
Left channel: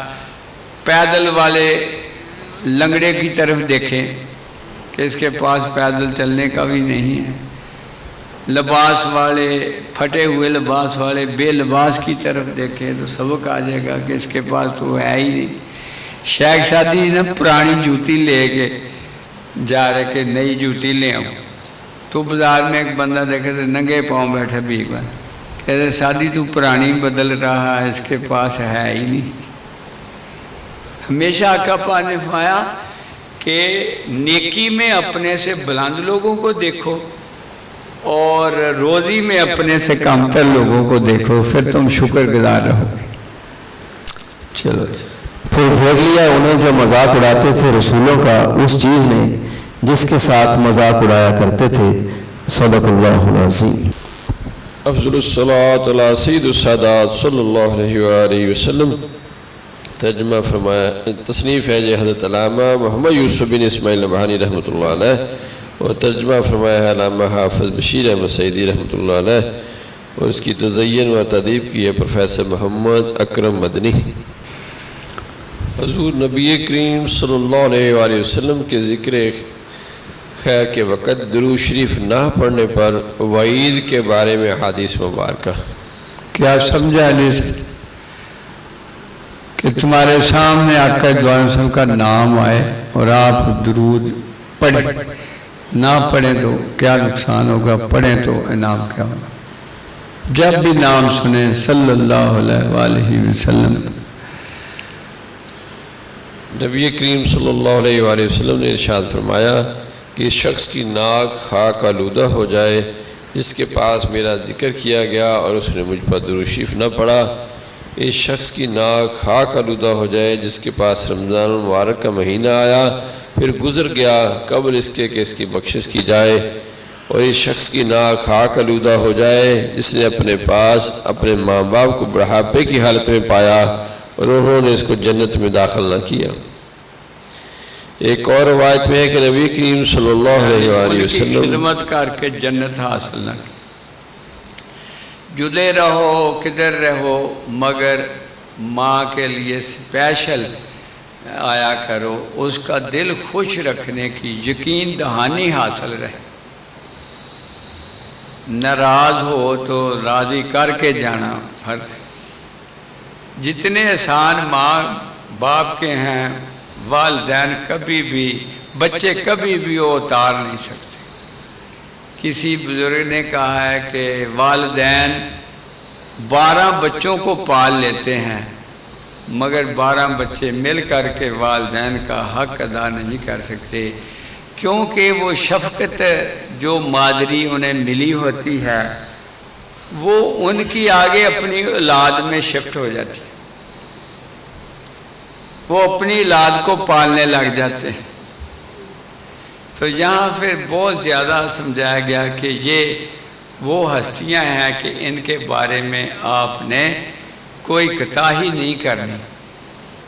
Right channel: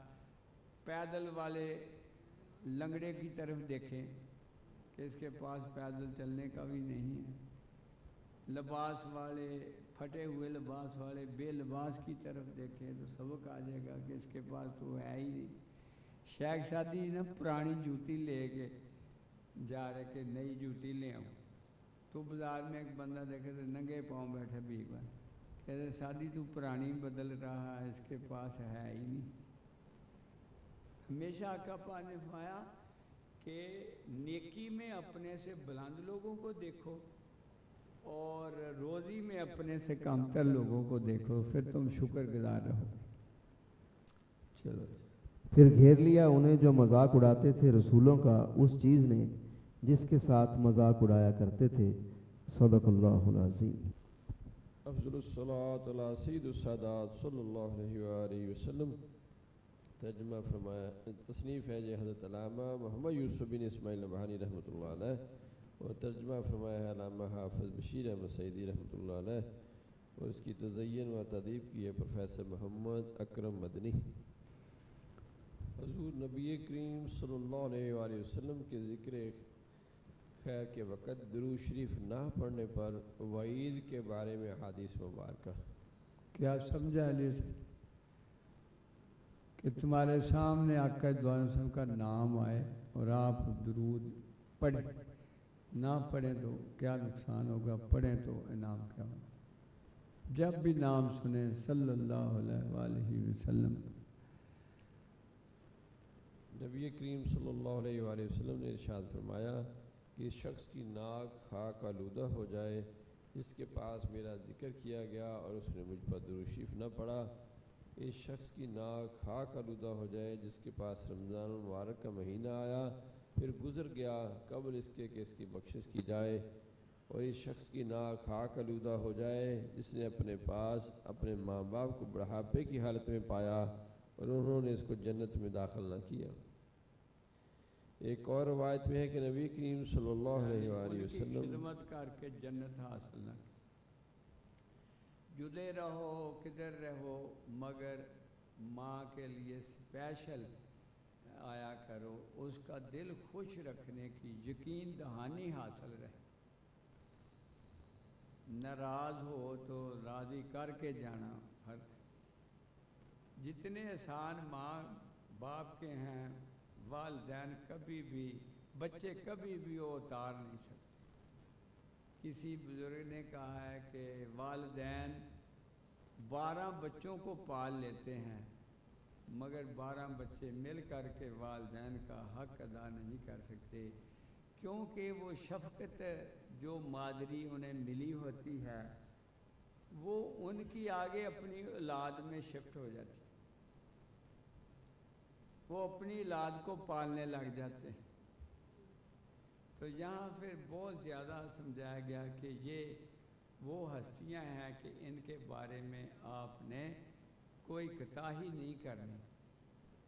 پیدل والے لنگڑے کی طرف دیکھیں کہ اس کے پاس پیدل چلنے کا بھی نہیں ہے. لباس والے، پھٹے ہوئے لباس والے بے لباس کی طرف دیکھیں تو سبق آ جائے گا کہ اس کے پاس تو ہے ہی نہیں. شیخ سادی نے پرانی جوتی لے کے جا رہے کہ نئی جوتی لے آؤں، تو بازار میں ایک بندہ دیکھے تو ننگے پاؤں بیٹھا بھیگ بنا، کہتے سادی تو پرانی بدل رہا ہے، اس کے پاس ہے ہی نہیں. ہمیشہ آقا پاک نے فرمایا کہ نیکی میں اپنے سے بلند لوگوں کو دیکھو، اور روزی میں اپنے سے کم تر لوگوں کو دیکھو، پھر تم شکر گزار رہو گے۔ چلو پھر گھیر لیا انہیں جو مذاق اڑاتے تھے رسولوں کا اس چیز نے جس کے ساتھ مذاق اڑایا کرتے تھے۔ صدق اللہ العظیم۔ افضل الصلاۃ علی سید السادات صلی اللہ علیہ وآلہ وسلم۔ ترجمہ فرمایا، تصنیف ہے حضرت علامہ محمد یوسف بن اسماعیل نبہانی رحمۃ اللہ علیہ، اور ترجمہ فرمایا ہے علامہ حافظ بشیر احمد سعیدی رحمۃ اللہ علیہ، اور اس کی تزین و تدیب کی ہے پروفیسر محمد اکرم مدنی۔ حضور نبی کریم صلی اللہ علیہ وآلہ وسلم کے ذکر خیر کے وقت درود شریف نہ پڑھنے پر وعید کے بارے میں حدیث مبارکہ۔ کیا سمجھا علی سے کہ تمہارے سامنے آقا دو عالم وسلم کا نام آئے اور آپ درود پڑھیں، نہ پڑھیں تو کیا نقصان ہوگا، پڑھیں تو انعام کیا ہوگا؟ جب بھی نام سنیں صلی اللہ علیہ وآلہ وسلم۔ نبی کریم صلی اللہ علیہ وآلہ وسلم نے ارشاد فرمایا کہ اس شخص کی ناک خاک آلودہ ہو جائے جس کے پاس میرا ذکر کیا گیا اور اس نے مجھ پر درود شریف نہ پڑھا۔ اس شخص کی ناک خاک آلودہ ہو جائے جس کے پاس رمضان المبارک کا مہینہ آیا پھر گزر گیا قبل اس کے کہ اس کی بخشش کی جائے، اور اس شخص کی ناک خاک آلودہ ہو جائے جس نے اپنے پاس اپنے ماں باپ کو بڑھاپے کی حالت میں پایا اور انہوں نے اس کو جنت میں داخل نہ کیا۔ ایک اور روایت میں ہے کہ نبی کریم صلی اللہ علیہ وآلہ وسلم خدمت کر کے جنت حاصل نہ کی، جدے رہو کدھر رہو مگر ماں کے لیے اسپیشل آیا کرو، اس کا دل خوش رکھنے کی یقین دہانی حاصل رہے۔ ناراض ہو تو راضی کر کے جانا فرض ہے۔ جتنے احسان ماں باپ کے ہیں والدین کبھی بھی، بچے کبھی بھی وہ اتار نہیں سکتے۔ کسی بزرگ نے کہا ہے کہ والدین 12 بچوں کو پال لیتے ہیں مگر 12 بچے مل کر کے والدین کا حق ادا نہیں کر سکتے، کیونکہ وہ شفقت جو مادری انہیں ملی ہوتی ہے وہ ان کی آگے اپنی اولاد میں شفٹ ہو جاتی ہے، وہ اپنی اولاد کو پالنے لگ جاتے ہیں۔ تو یہاں پھر بہت زیادہ سمجھایا گیا کہ یہ وہ ہستیاں ہیں کہ ان کے بارے میں آپ نے کوئی کوتاہی نہیں کرنی۔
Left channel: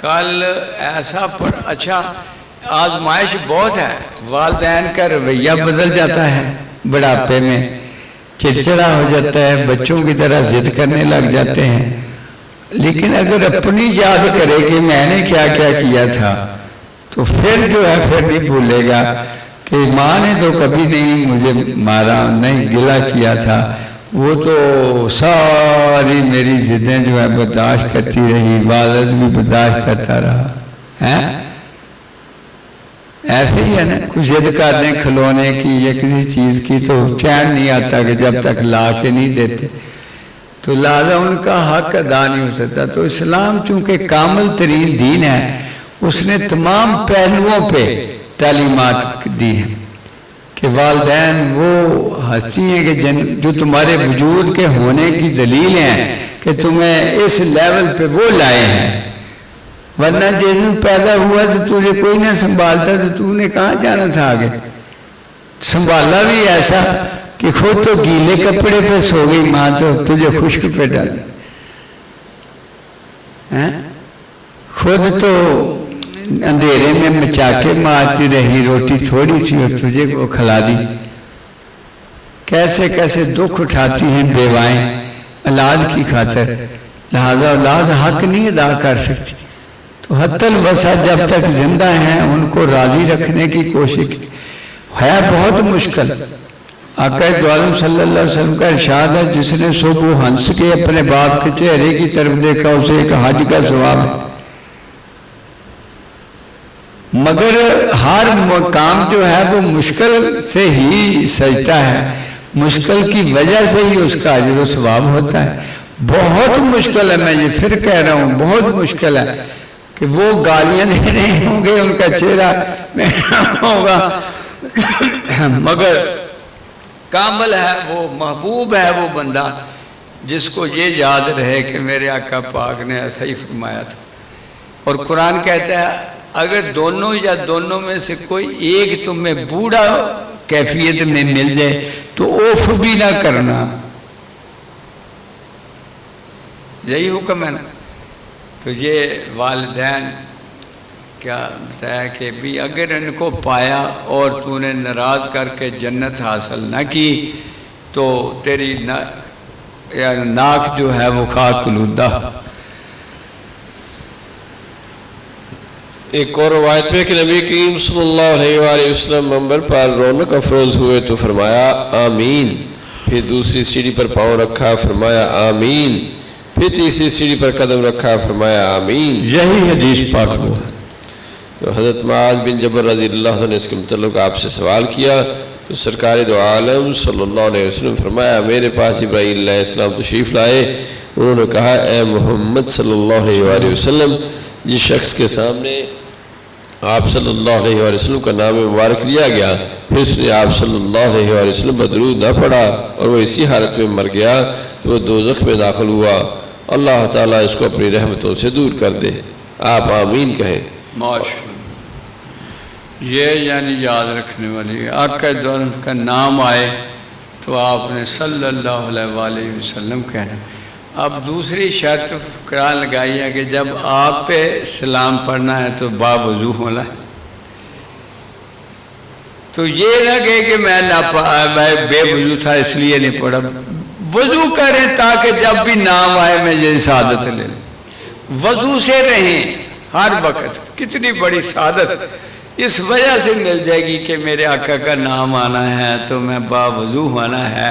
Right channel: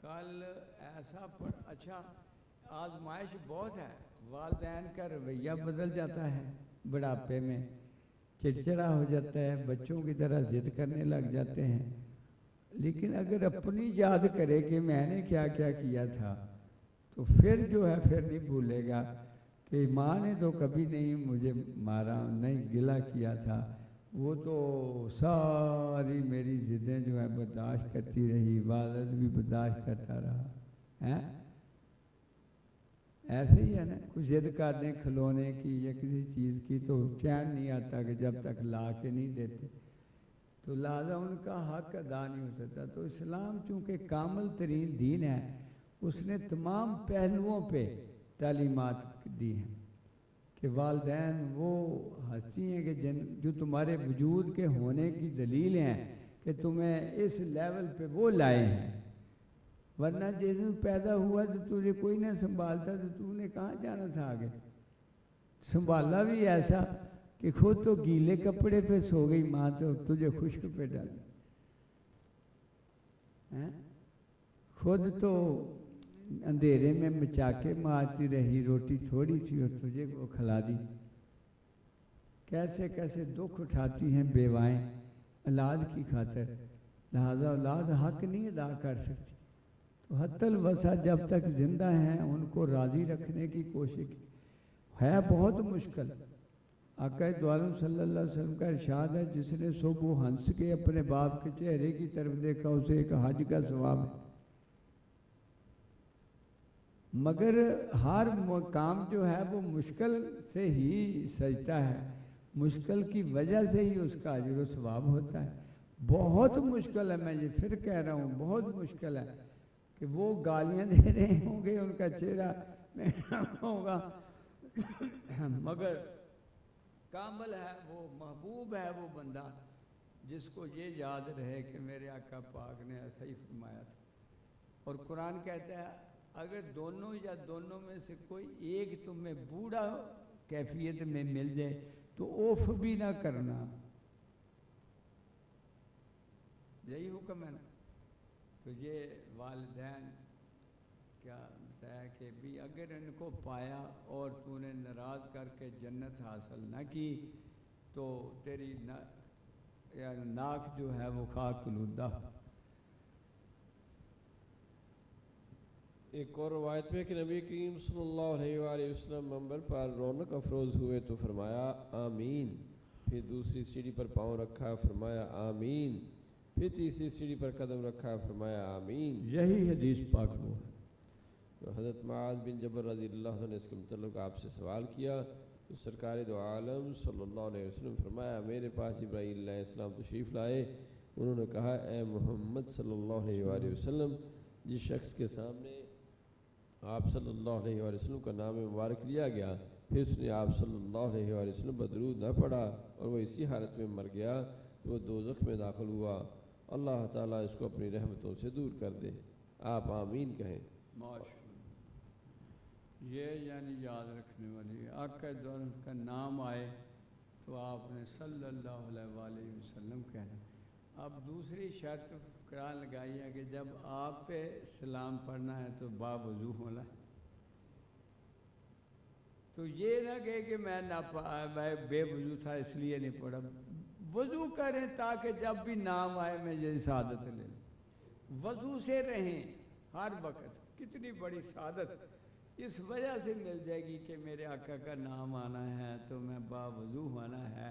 کل ایسا پر اچھا آزمائش بہت ہے، والدین کا رویہ بدل جاتا ہے، بڑھاپے میں چڑچڑا ہو جاتا ہے، بچوں کی طرح ضد کرنے لگ جاتے ہیں، لیکن اگر اپنی یاد کرے کہ میں نے کیا کیا کیا تھا تو پھر جو ہے پھر نہیں بھولے گا کہ ماں نے تو کبھی نہیں مجھے مارا، نہیں گلہ کیا تھا، وہ تو ساری میری ضدیں جو ہے برداشت کرتی رہی، والد بھی برداشت کرتا رہا۔ ایسے ہی ہے نا، کچھ ضد کر دیں کھلونے کی یا کسی چیز کی تو چین نہیں آتا کہ جب تک لا کے نہیں دیتے، تو لہذا ان کا حق ادا نہیں ہو سکتا۔ تو اسلام چونکہ کامل ترین دین ہے، اس نے تمام پہلوؤں پہ تعلیمات دی ہیں کہ والدین وہ ہستی ہیں کہ جو تمہارے وجود کے ہونے کی دلیل ہیں کہ تمہیں اس لیول پہ وہ لائے ہیں، ورنہ جس دن پیدا ہوا تو تجھے کوئی نہ سنبھالتا تو تو نے کہاں جانا تھا آگے۔ سنبھالا بھی ایسا کہ خود تو گیلے کپڑے پہ سو گئی ماں تو تجھے خشک پہ ڈالی، خود تو اندھیرے میں مچاکے مارتی رہی، روٹی تھوڑی تھی اور تجھے وہ کھلا دی۔ کیسے کیسے دکھ اٹھاتی ہیں بیوائیں اولاد کی خاطر، لہذا اولاد حق نہیں ادا کر سکتی، تو حتی الوسع جب تک زندہ ہیں ان کو راضی رکھنے کی کوشش ہے بہت مشکل۔ آقا دو عالم صلی اللہ علیہ وسلم کا ارشاد ہے، جس نے صبح ہنس کے اپنے باپ کے چہرے کی طرف دیکھا اسے ایک حج کا ثواب ہے، مگر ہر مقام جو ہے وہ مشکل سے ہی سجتا ہے، مشکل کی وجہ سے ہی اس کا اجر و ثواب ہوتا ہے۔ بہت مشکل ہے، میں یہ پھر کہہ رہا ہوں بہت مشکل ہے کہ وہ گالیاں دے رہے ہوں گے، ان کا چہرہ ہوگا، مگر کامل ہے، وہ محبوب ہے وہ بندہ جس کو یہ یاد رہے کہ میرے آقا پاک نے ایسا ہی فرمایا تھا۔ اور قرآن کہتا ہے اگر دونوں یا دونوں میں سے کوئی ایک تمہیں بوڑھا کیفیت میں مل جائے تو اوف بھی نہ کرنا، یہی حکم ہے نا۔ تو یہ والدین کیا بتایا کہ بھی اگر ان کو پایا اور تو نے ناراض کر کے جنت حاصل نہ کی تو تیری ناک جو ہے وہ خاک آلودہ۔ ایک اور روایت میں کہ نبی کریم صلی اللہ علیہ وآلہ وسلم منبر پر رونق افروز ہوئے تو فرمایا آمین، پھر دوسری سیڑھی پر پاؤں رکھا فرمایا آمین، پھر تیسری سیڑھی پر قدم رکھا فرمایا آمین۔ یہی حدیث پاک ہوا۔ تو حضرت معاذ بن جبل رضی اللہ عنہ نے اس کے متعلق آپ سے سوال کیا تو سرکار دو عالم صلی اللہ علیہ وسلم فرمایا میرے پاس جبرائیل علیہ السلام تشریف لائے، انہوں نے کہا اے محمد صلی اللہ علیہ وآلہ وسلم، جس شخص کے سامنے آپ صلی اللہ علیہ وآلہ وسلم کا نام مبارک لیا گیا پھر اس نے آپ صلی اللہ علیہ وآلہ وسلم پر درود نہ پڑھا اور وہ اسی حالت میں مر گیا تو وہ دوزخ میں داخل ہوا، اللہ تعالیٰ اس کو اپنی رحمتوں سے دور کر دے۔ آپ آمین کہیں۔ ماشاءاللہ، یہ یعنی یاد رکھنے والی آقا دو عالم کا نام آئے تو آپ نے صلی اللہ علیہ وآلہ وسلم کہنا۔ اب دوسری شرط قرآن لگائی ہے کہ جب آپ پہ سلام پڑھنا ہے تو باوضو ہونا ہے۔ تو یہ نہ کہے کہ میں بے وضو تھا اس لیے نہیں پڑھا، وضو کریں تاکہ جب بھی نام آئے میں یہ سعادت لے لوں۔ وضو سے رہیں ہر وقت، کتنی بڑی سعادت اس وجہ سے مل جائے گی کہ میرے آقا کا نام آنا ہے تو میں باوضو ہونا ہے،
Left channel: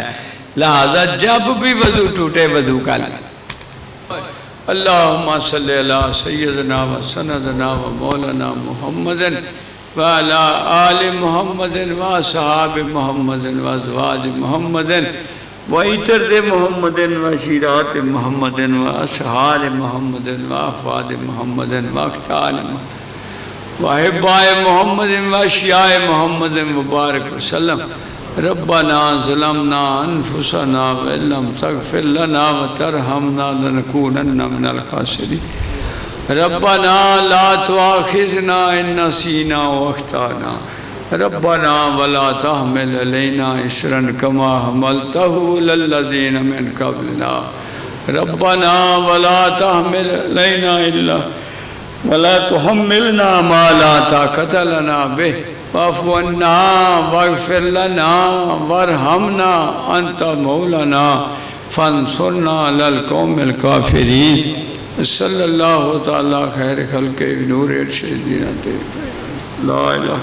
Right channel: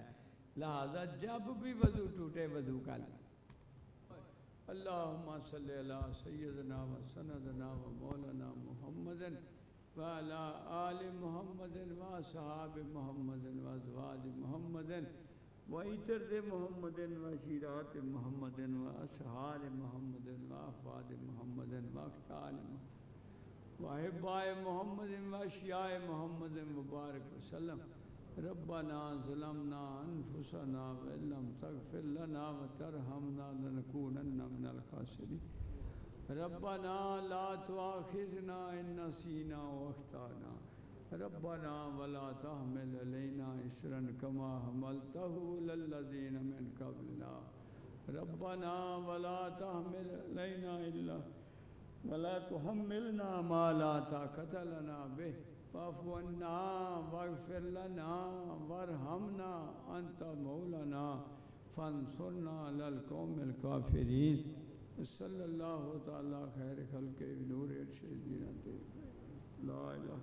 لہذا جب بھی وضو ٹوٹے وضو کا لیں۔ اللہم صلی علی سیدنا و سندنا و مولانا محمد وعلی آل محمد و صحاب محمد و ازواج محمد و عطر محمد و شیرات محمد و اصحاب محمد و افواد محمد و اقتال محمد وحبائے محمد و اشیاء محمد مبارک وسلم۔ ربنا ظلمنا انفسنا وان لم تغفر لنا وترحمنا لنكونن من الخاسرین۔ ربنا لا تؤاخذنا ان نسینا واخطانا، ربنا ولا تحمل علينا اصرا كما حملته على الذين من قبلنا، ربنا ولا تحمل علينا الا ولا تحملنا ما لا طاقة لنا به واعف عنا واغفر لنا وارحمنا انت مولانا فانصرنا على القوم الكافرين۔ صلی اللہ تعالی خیر خلق نور ارشد لا الہ